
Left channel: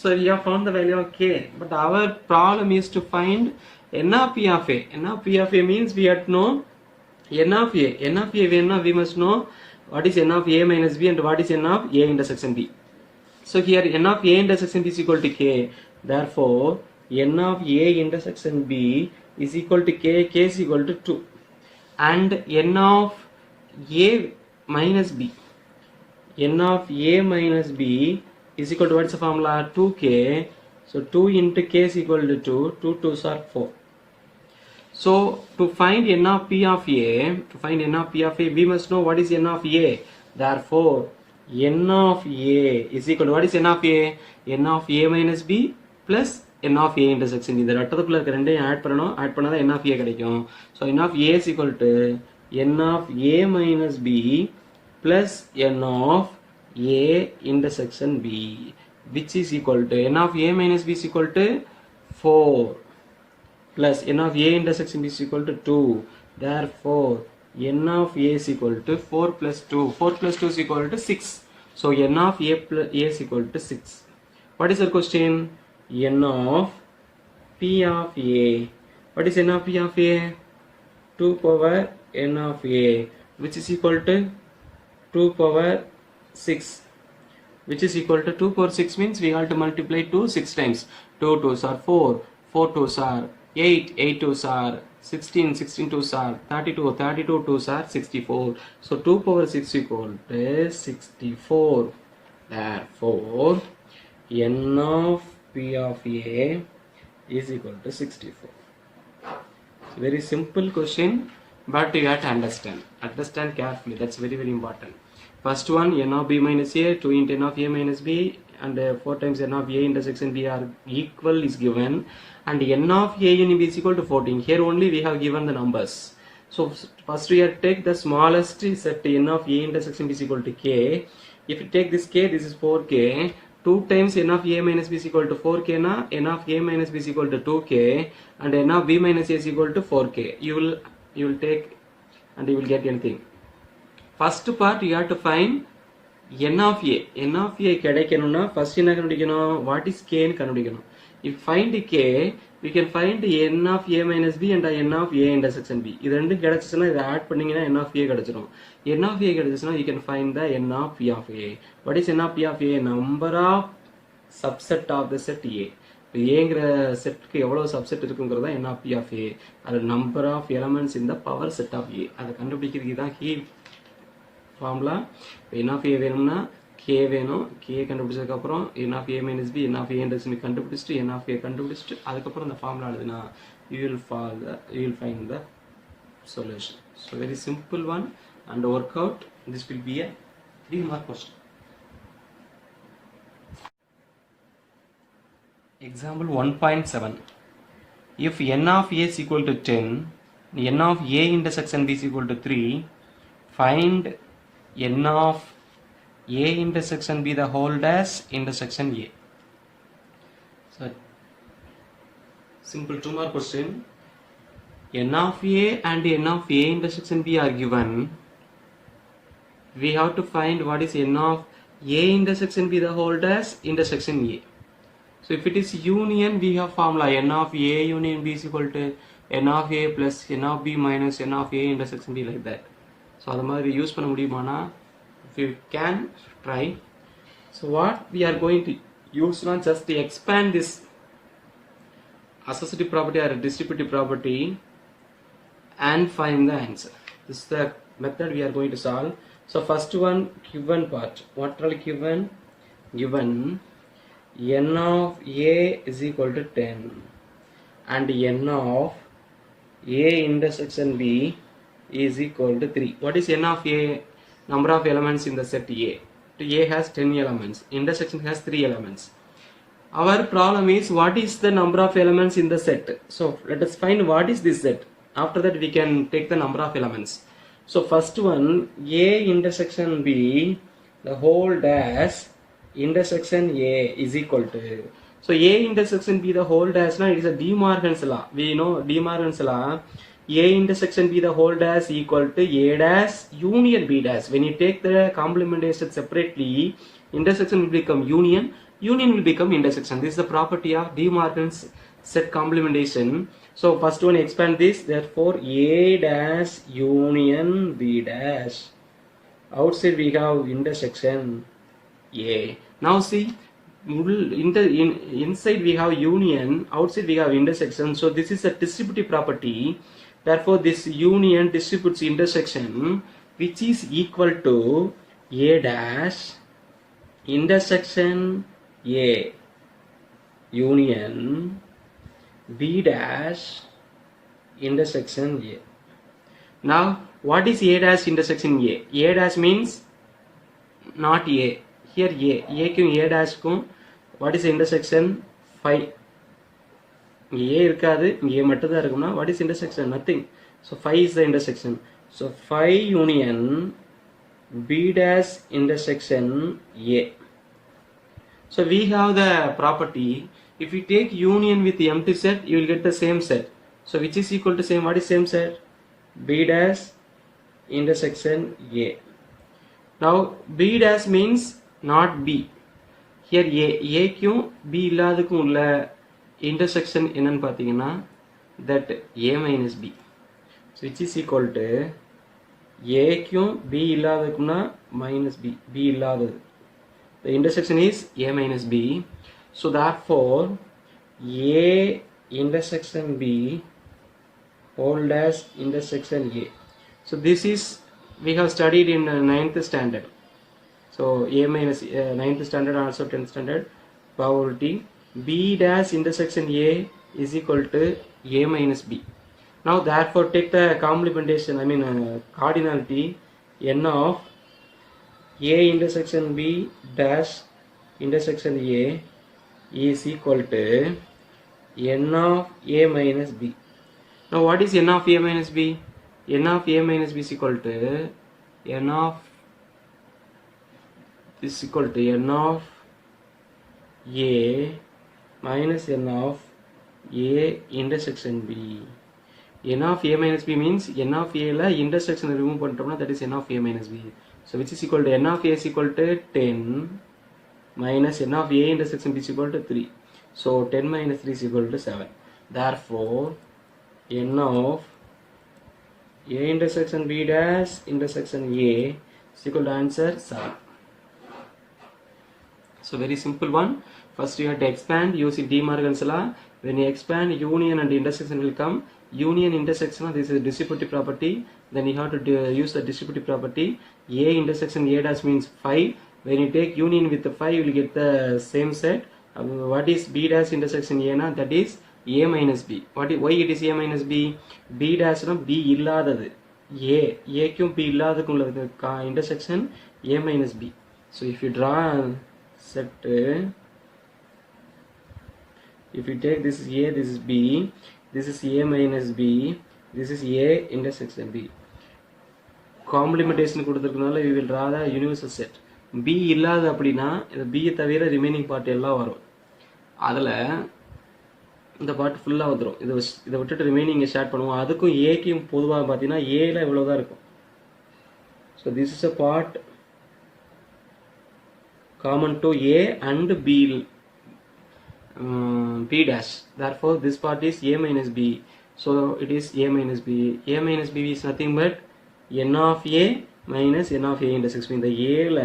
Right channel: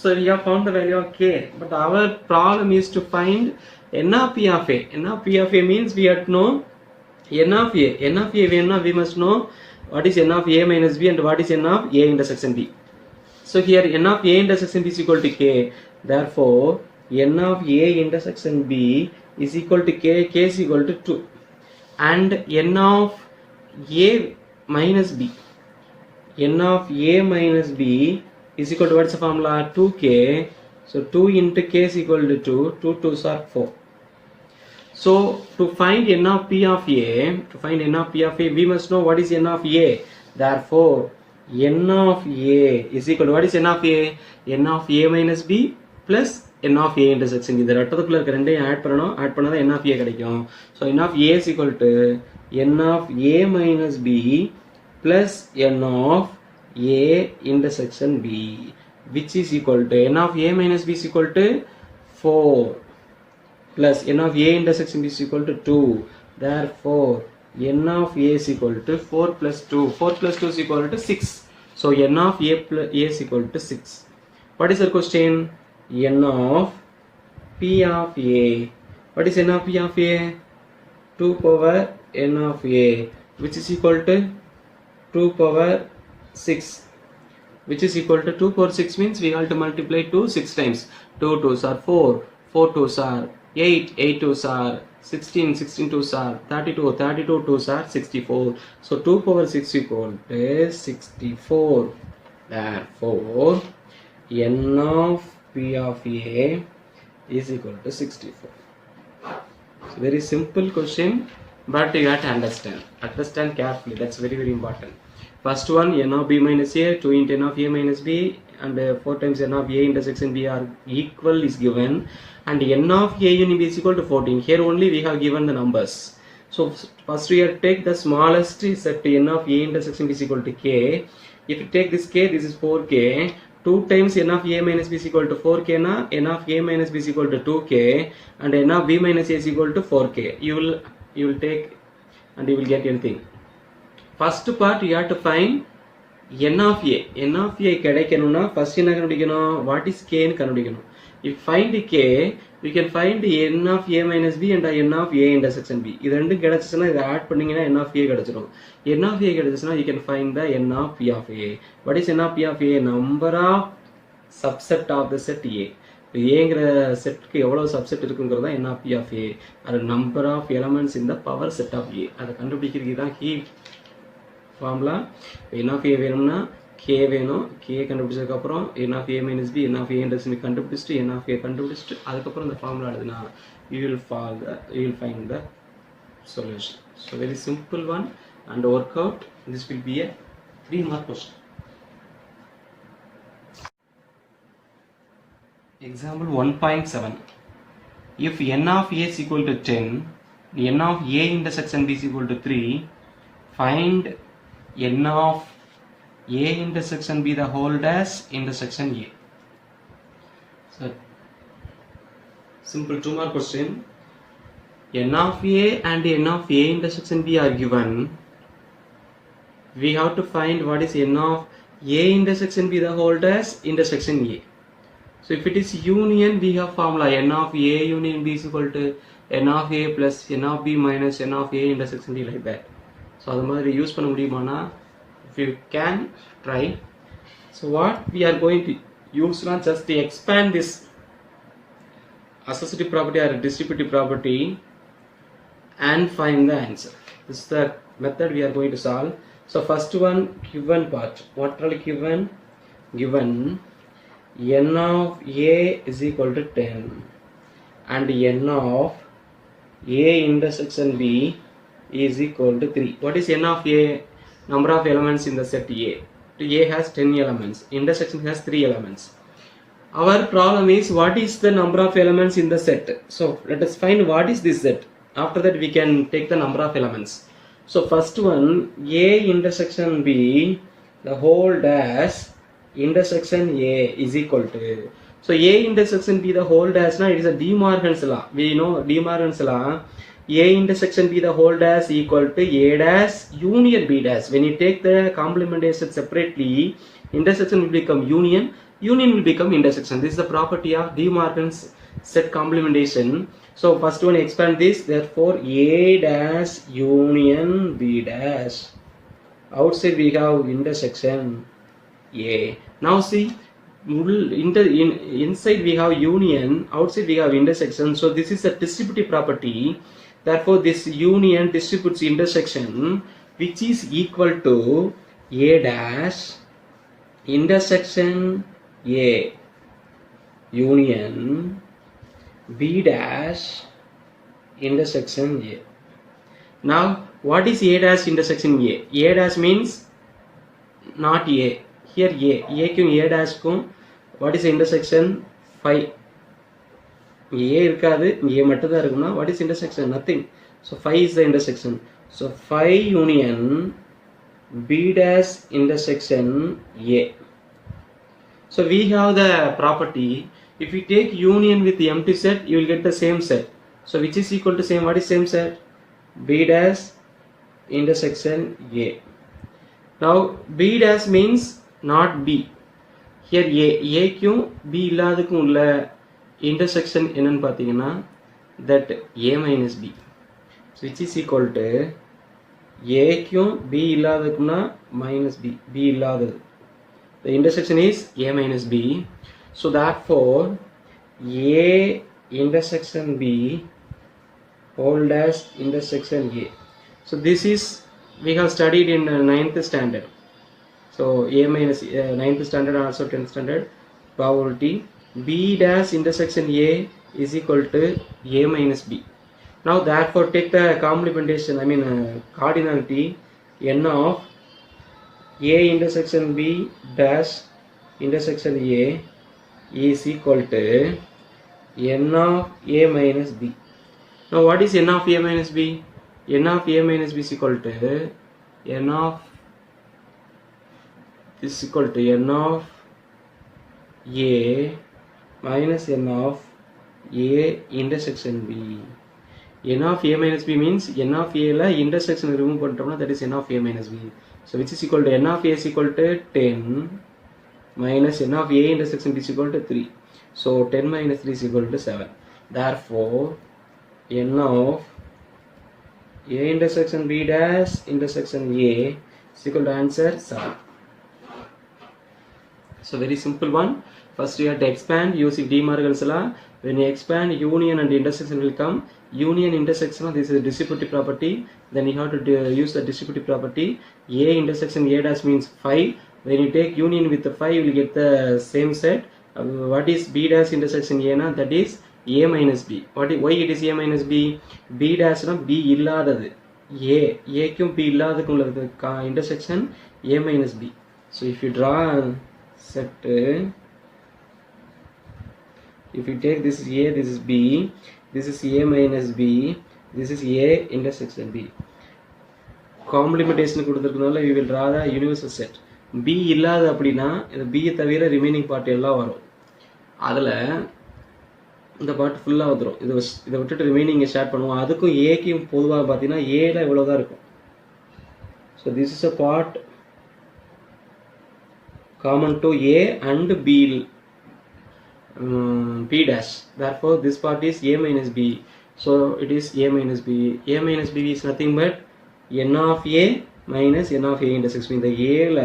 So we have found the value of k, but our problem is to find n of p of a. n of p of a means we have to know n of a. n of a we must know what is n of a minus b and what is n of a intersection b. So here n of a intersection b is equal to k. Therefore n of a intersection b is equal to k. K is equal to 2. And n of a minus b. n of a minus b is equal to what's the formula? 2k. So 2 into k is equal to 2. 2 2s are 4. So to find n of p of a, we must know what is n of a. Therefore, n of a is equal to what is n of a? n of a minus b plus n of a intersection. இந்த ரெட்டத்துக்குள்ள இருக்க ரெண்டையும் add பண்ணாதான் n of a கிடைக்கும். So n of a is equal to n of a minus b plus n of a intersection b, which is equal to n of a minus b is equal to 4 plus n of a intersection b is equal to 2. Therefore, n of a is equal to 4 plus 2. 4 plus 2 is equal to 6. So n of a plus a is equal to 6. What is the question? N of p of a. What is n of p of a? 2 power n of a, which is equal to 2 power 6, which is equal to 2 power 6 means we have to multiply 2 6 times. 2 2s are 4, 4 2s are 8, 8 2s are 16, 16 2s are 32, 32 2s are 64. So 2 power 6 equal to 64. Therefore, n of p of a is equal to 64. It's a very simple question, but you have to understand carefully. That's very very important. First one, n of b minus a, 2 into n of a minus b, and 4 times n of a intersection b are equal is given, and n of a union b is equal to 14. Here only we have given the numbers. So first we have to take the smallest set n of a intersection b is equal to k. If you take this k, this is 4k. 2 times n of a minus b is equal to 4k na, n of a minus b is equal to 2k, and n of b minus a is equal to 4k. You will take and you will get anything. First part you have to find n of a. n of a கிடைக்கணும்னா first என்ன கண்டுபிடிக்கணும்? What is k ன்னு கண்டுபிடிக்கணும். If find k, we can find n of a minus b and n of a intersection b. இது ரெண்டும் கிடைச்சுச்சுனா இதை add பண்ணீங்கன்னா n of a கிடைச்சிடும். n of a கிடைச்சுச்சுனா you can find the n of p of a. What is n of p of a? Number of subset of the set a. ஏங்கிற செட்டுக்கு எவ்வளவு subset இருக்குங்கிறது தான் n of p of a. அது number of elements in the power set of a. அதை கண்டுபிடிக்கிறதுக்கு தான் key formula. n of a வேணும்னா k வேணும். k கண்டுபிடிச்சதுக்கு அப்புறம் n of a minus b, n of a intersection கண்டுபிடிச்சிட்டு n of a கண்டுபிடிச்சிட்டு அதுக்கப்புறம் இந்த ஃபார்முலா எழுதுனா you will find the solution. So very simple one and work out. This will be a 3-mark question. Example 1.7. If n of a is equal to 10, n of a intersection b is equal to 3, find n of a intersection b the whole dash intersection a. So simple 2-mark question. N of a and n of a intersection b are given. We have to find what is n of a intersection b the whole dash intersection a. So if it is union, we have formula n of a union b is equal to n of a plus n of b minus n of a intersection b, like that. So அது மாதிரி use பண்ண முடியுமானா, if you can try. So what we are going to use now, just to expand this associative property or distributive property and find the answer. This is the method we are going to solve. So first one, given part. What are given? Given n of a is equal to 10 and n of a intersection b is equal to 3. What is n of a? Number of elements in the set a. A has 10 elements. Intersection has 3 elements. Our problem is what is the number of elements in the set. So let us find what is this set. After that we can take the number of elements. So first one, a intersection b the whole dash intersection a is equal to. So a intersection b the whole dash now, it is a De Morgan's law. We know De Morgan's law. A intersection b the whole dash equal to a dash union b dash. When you take the complementary set separately, intersection will become union, union will become intersection. This is the property of De Morgan's set complementation. So first one, expand this. Therefore a dash union b dash. Outside we have intersection a. Now see, inside we have union, outside we have intersection. So this is a distributive property. Therefore this union distributes intersection, which is equal to A dash intersection A union B dash intersection A. Now, what is A dash intersection A? A dash means not A. Here A க்கும் A dash க்கும் what is the intersection? Phi. A இருக்காது, A மட்டும் தான் இருக்கும்னா what is intersection? Nothing. So phi is the intersection. So phi union B dash intersection A. So we have the property, if we take union with the empty set, you will get the same set. So which is equal to same, what is same set? B dash intersection A. Now B dash means not B. Here A க்கும் B இல்லாததுக்கும் உள்ள intersection என்னன்னு பார்த்தீங்கன்னா that A minus B. So which is equal to A க்கும் B இல்லாததுக்கும்னா minus B. B இல்லாதது. The intersection is A minus B. So therefore A intersection B whole dash intersection A. So this is we have studied in 9th standard. So A minus 9th standard also 10th standard probability B dash intersection A is equal to A minus B. Now therefore take the complementation, I mean cardinality n of A intersection B dash intersection A is equal to n of A minus B. Now what is n of A minus B? N of A minus B is equal to n of is equal to n of A minus n of A intersection B. N of A minus B means n of A la intersection remove பண்றோம்னா that is n of A minus B. So which is equal to n of A is equal to 10 minus n of A intersection B is equal to 3. So 10 minus 3 is equal to 7. Therefore n of A intersection B dash intersection A is equal to answer 7. So very simple one. First you have to expand using De Morgan's law. When you expand, union and intersection will come. Union intersection, this is a distributive property. Then you have to use the distributive property. A intersection A dash means 5. When you take union with the 5, you will get the same set. What is B dash intersection A na? That is A minus B. Why it is A minus B? B dash na B இல்லாதது. A க்கும் B இல்லாததுக்கும் உள்ள intersection A minus B. So if you draw set, if you take this is A, this is B, this is A minus B, this is A intersection B. Complementation கொடுத்திருக்கனால we will draw the universal set. B இல்லாத அப்படினா இந்த B தவிர remaining part எல்லாம் வரும். அதுல இந்த part ஃபுல்லா வந்துரும். இத விட்டுட்டு ரிமைனிங் ஸ்டார்ட் பண்ணுவோம். அதுக்கும் A க்கும் பொதுவா பாத்தீனா A ல இவ்வளவு தான் இருக்கும். So this is a part common to A and B dash. Therefore this part is A minus B. So it is A minus B. A minus B is nothing but n of A minus n of A intersection. இந்த A ல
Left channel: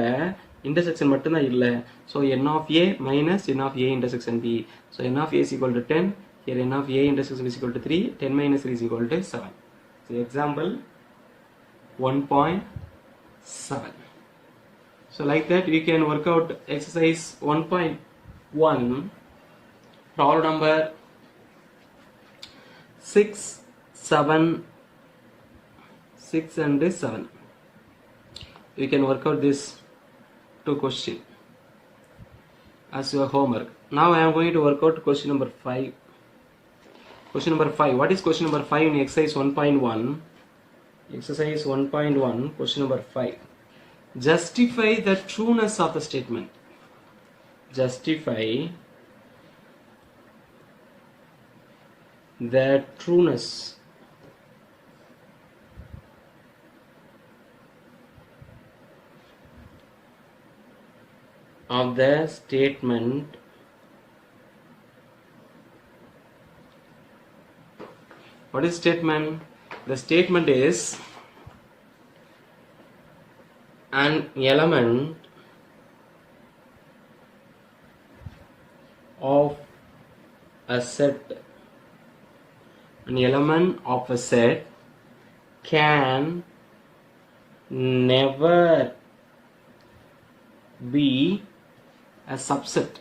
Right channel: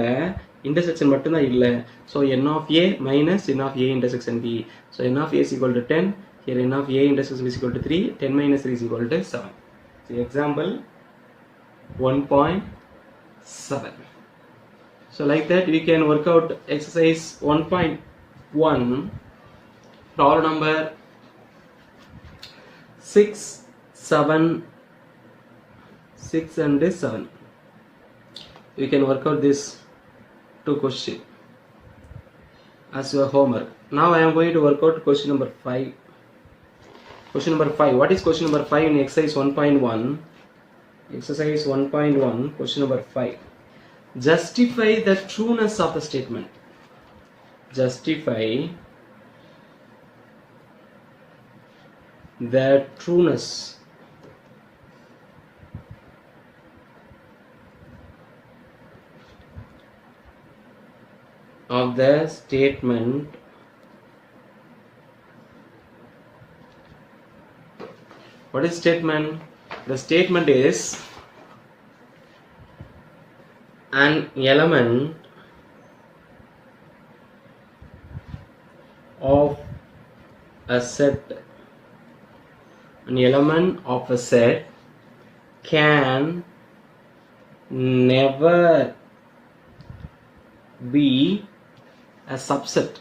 intersection மட்டும் தான் இல்ல. So n of A minus n of A intersection B. So n of A is equal to 10. Here n of A intersection is equal to 3. 10 minus 3 is equal to 7. So example 1.7. So like that we can work out exercise 1.1, problem number 6, 7, 6 and 7. We can work out this two question as your homework. Now I am going to work out question number 5. Question number 5. What is question number 5 in exercise 1.1? Exercise 1.1, question number 5. Justify the trueness of the statement. Justify the trueness of the statement What is statement? The statement is an element of a set. An element of a set can never be a subset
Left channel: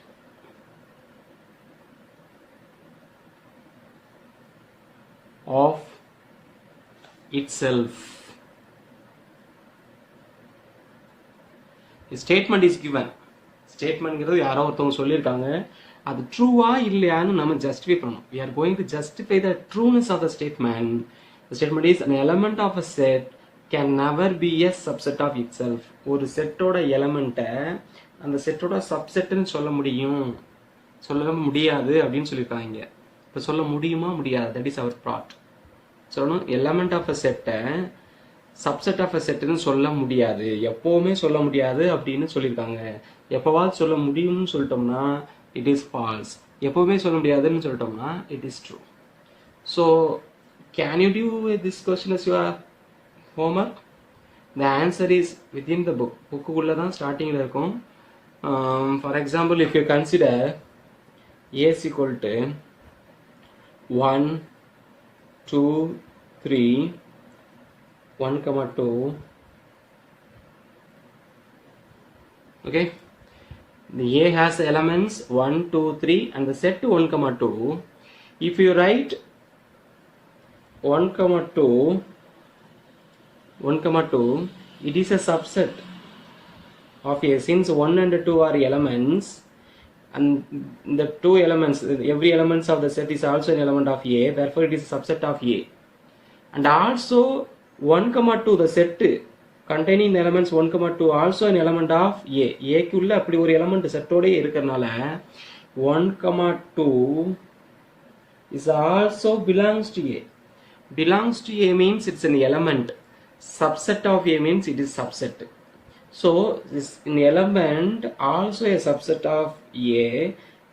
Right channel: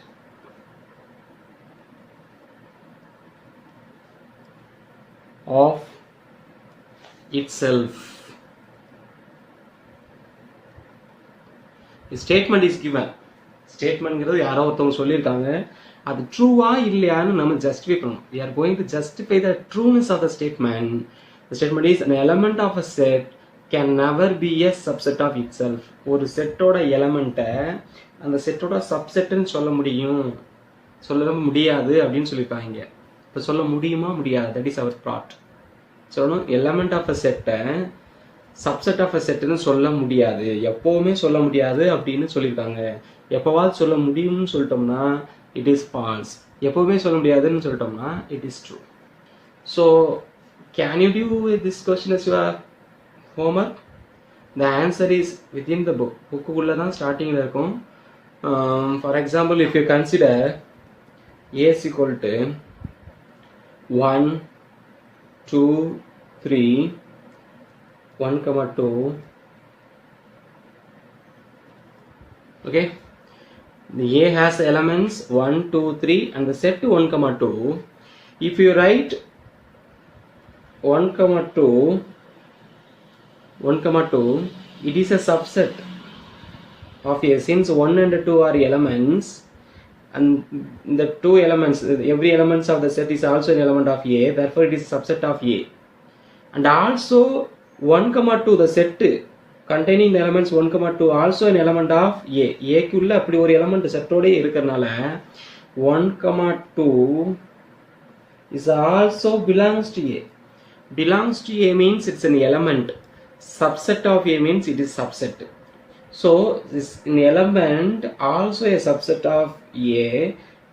of itself. A statement is given. ஸ்டேட்மெண்ட்ங்கிறது யாரோ ஒருத்தவங்க சொல்லியிருக்காங்க, அது ட்ரூவா இல்லையான்னு நம்ம justify பண்ணணும். We are going to justify the trueness of the statement. The statement is an element of a set can never be a subset of itself. ஒரு செட்டோட எலமெண்ட்டை அந்த செட்டோட சப்செட்னு சொல்ல முடியாது அப்படின்னு சொல்லியிருக்காங்க. இப்போ சொல்ல முடியுமா முடியாது? That is our broad. சொல்லணும் எலமெண்ட் ஆஃப் அ செட்டை சப்செட் ஆஃப் அ செட்டுன்னு சொல்ல முடியாது, எப்போவுமே சொல்ல முடியாது அப்படின்னு சொல்லியிருக்காங்க. எப்போவாது சொல்ல முடியும்னு சொல்லிட்டோம்னா இட் இஸ் ஃபால்ஸ், எப்போவுமே சொல்ல முடியாதுன்னு சொல்லிட்டோம்னா it is true. So can you do this question is your homework? The answer is within the book. புக்குக்குள்ளே தான் ஸ்டார்டிங்கில் இருக்கும். For example, if you consider A is equal to 1, 2, 3, 1, 2. Okay, the A has elements 1, 2, 3 and the set 1, 2. If you write 1, 2, 1, 2, it is a subset of A. Since 1 and 2 are elements and the two elements, every elements of the set is also an element of A, therefore it is a subset of A. And also 1, 2, the set containing the elements 1, 2 also an element of A. A குள்ள அப்படி ஒரு element செட்டோட இருக்கிறனால 1, 2 is also belongs to A. Belongs to A means it's an element. Subset of A means it is subset. So this an element also a subset of A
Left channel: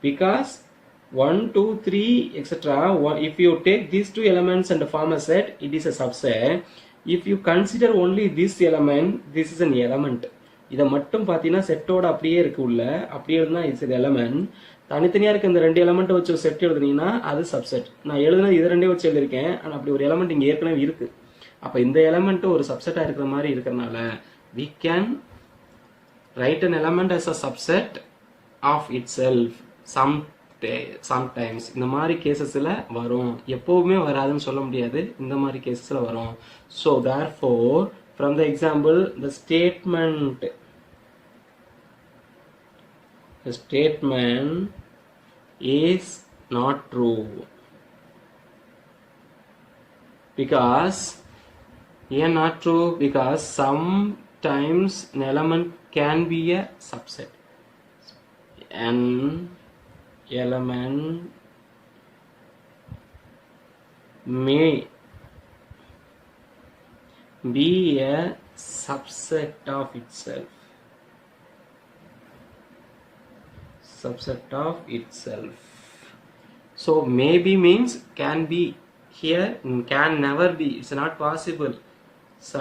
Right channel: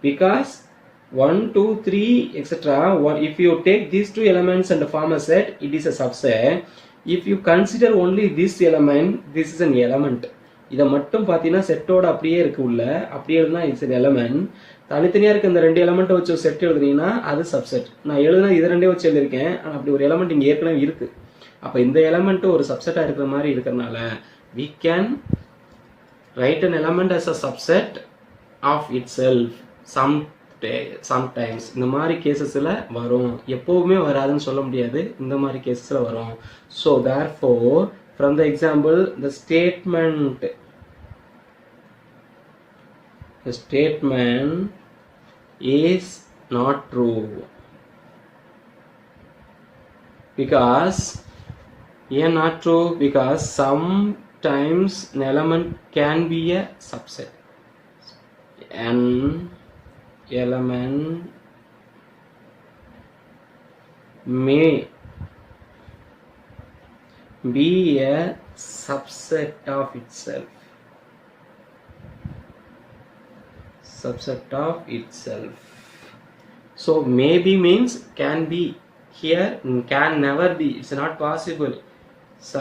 because 1, 2, 3 etc. If you take these two elements and form a set, it is a subset. If you consider only this element, this is an element. இதை மட்டும் பார்த்தீங்கன்னா செட்டோட அப்படியே இருக்கு உள்ள, அப்படியே இருந்தால் it's an element. தனித்தனியாக இருக்க இந்த ரெண்டு எலமெண்ட்டை வச்சு ஒரு செட் எழுதுனீங்கன்னா அது சப்செட். நான் எழுதுனா இதை ரெண்டே வச்சு எழுதியிருக்கேன், ஆனால் அப்படி ஒரு எலமெண்ட் இங்கே ஏற்கனவே இருக்கு. அப்போ இந்த எலமெண்ட்டு ஒரு சப்செட்டாக இருக்கிற மாதிரி இருக்கிறனால we can write an element as a subset of itself. Sometimes இந்த மாதிரி கேசஸில் வரும், எப்போவுமே வராதுன்னு சொல்ல முடியாது, இந்த மாதிரி கேசஸில் வரும். So therefore from the example the statement is not true because not true because sometimes an element can be a subset. An element may be a subset of itself. Subset of itself. So maybe means can be here, can never be. It's not possible. So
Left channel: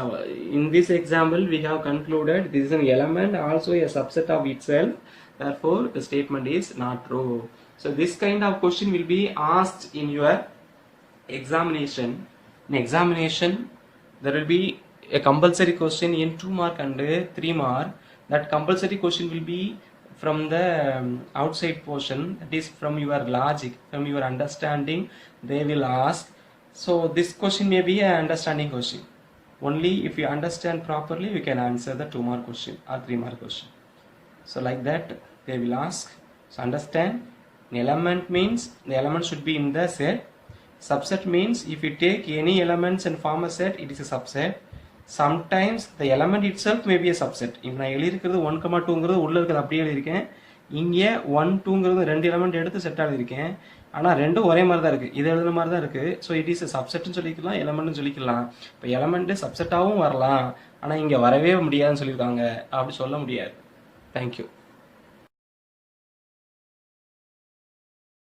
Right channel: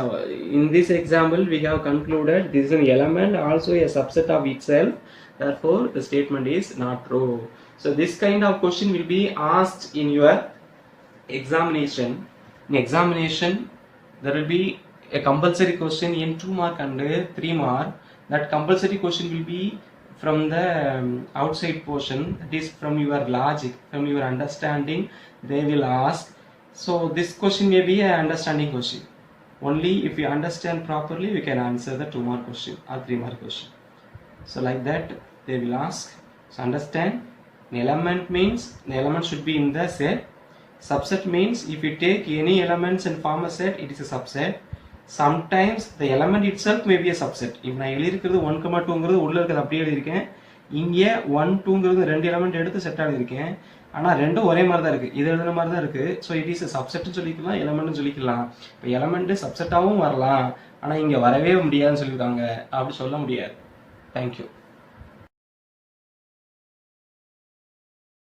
in this example we have concluded this is an element also a subset of itself, therefore the statement is not true. So this kind of question will be asked in your examination. In examination there will be a compulsory question in 2 mark and 3 mark. That compulsory question will be from the outside portion, that is from your logic, from your understanding they will ask. So this question may be an understanding question. Only if you understand properly you can answer the 2 mark question or 3 mark question. So like that they will ask. So understand, an element means the element should be in the set. Subset means if you take any elements and form a set, it is a subset. Sometimes the element itself may be a subset. இப்போ நான் எழுதியிருக்கிறது 1, 2ங்கிறது உள்ள இருக்கிறது அப்படியே எழுதியிருக்கேன், இங்கே 1, 2ங்கிறது ரெண்டு element எடுத்து செட் எழுதியிருக்கேன், ஆனால் ரெண்டும் ஒரே மாதிரி தான் இருக்குது, இது எழுதுன மாதிரி தான் இருக்குது. ஸோ இட் இஸ் சப்செட்னு சொல்லிக்கலாம், எலமெண்ட்னு சொல்லிக்கலாம். இப்போ எலமெண்ட்டு சப்செட்டாகவும் வரலாம், ஆனால் இங்கே வரவே முடியாதுன்னு சொல்லியிருக்காங்க, அப்படி சொல்ல முடியாது. தேங்க்யூ.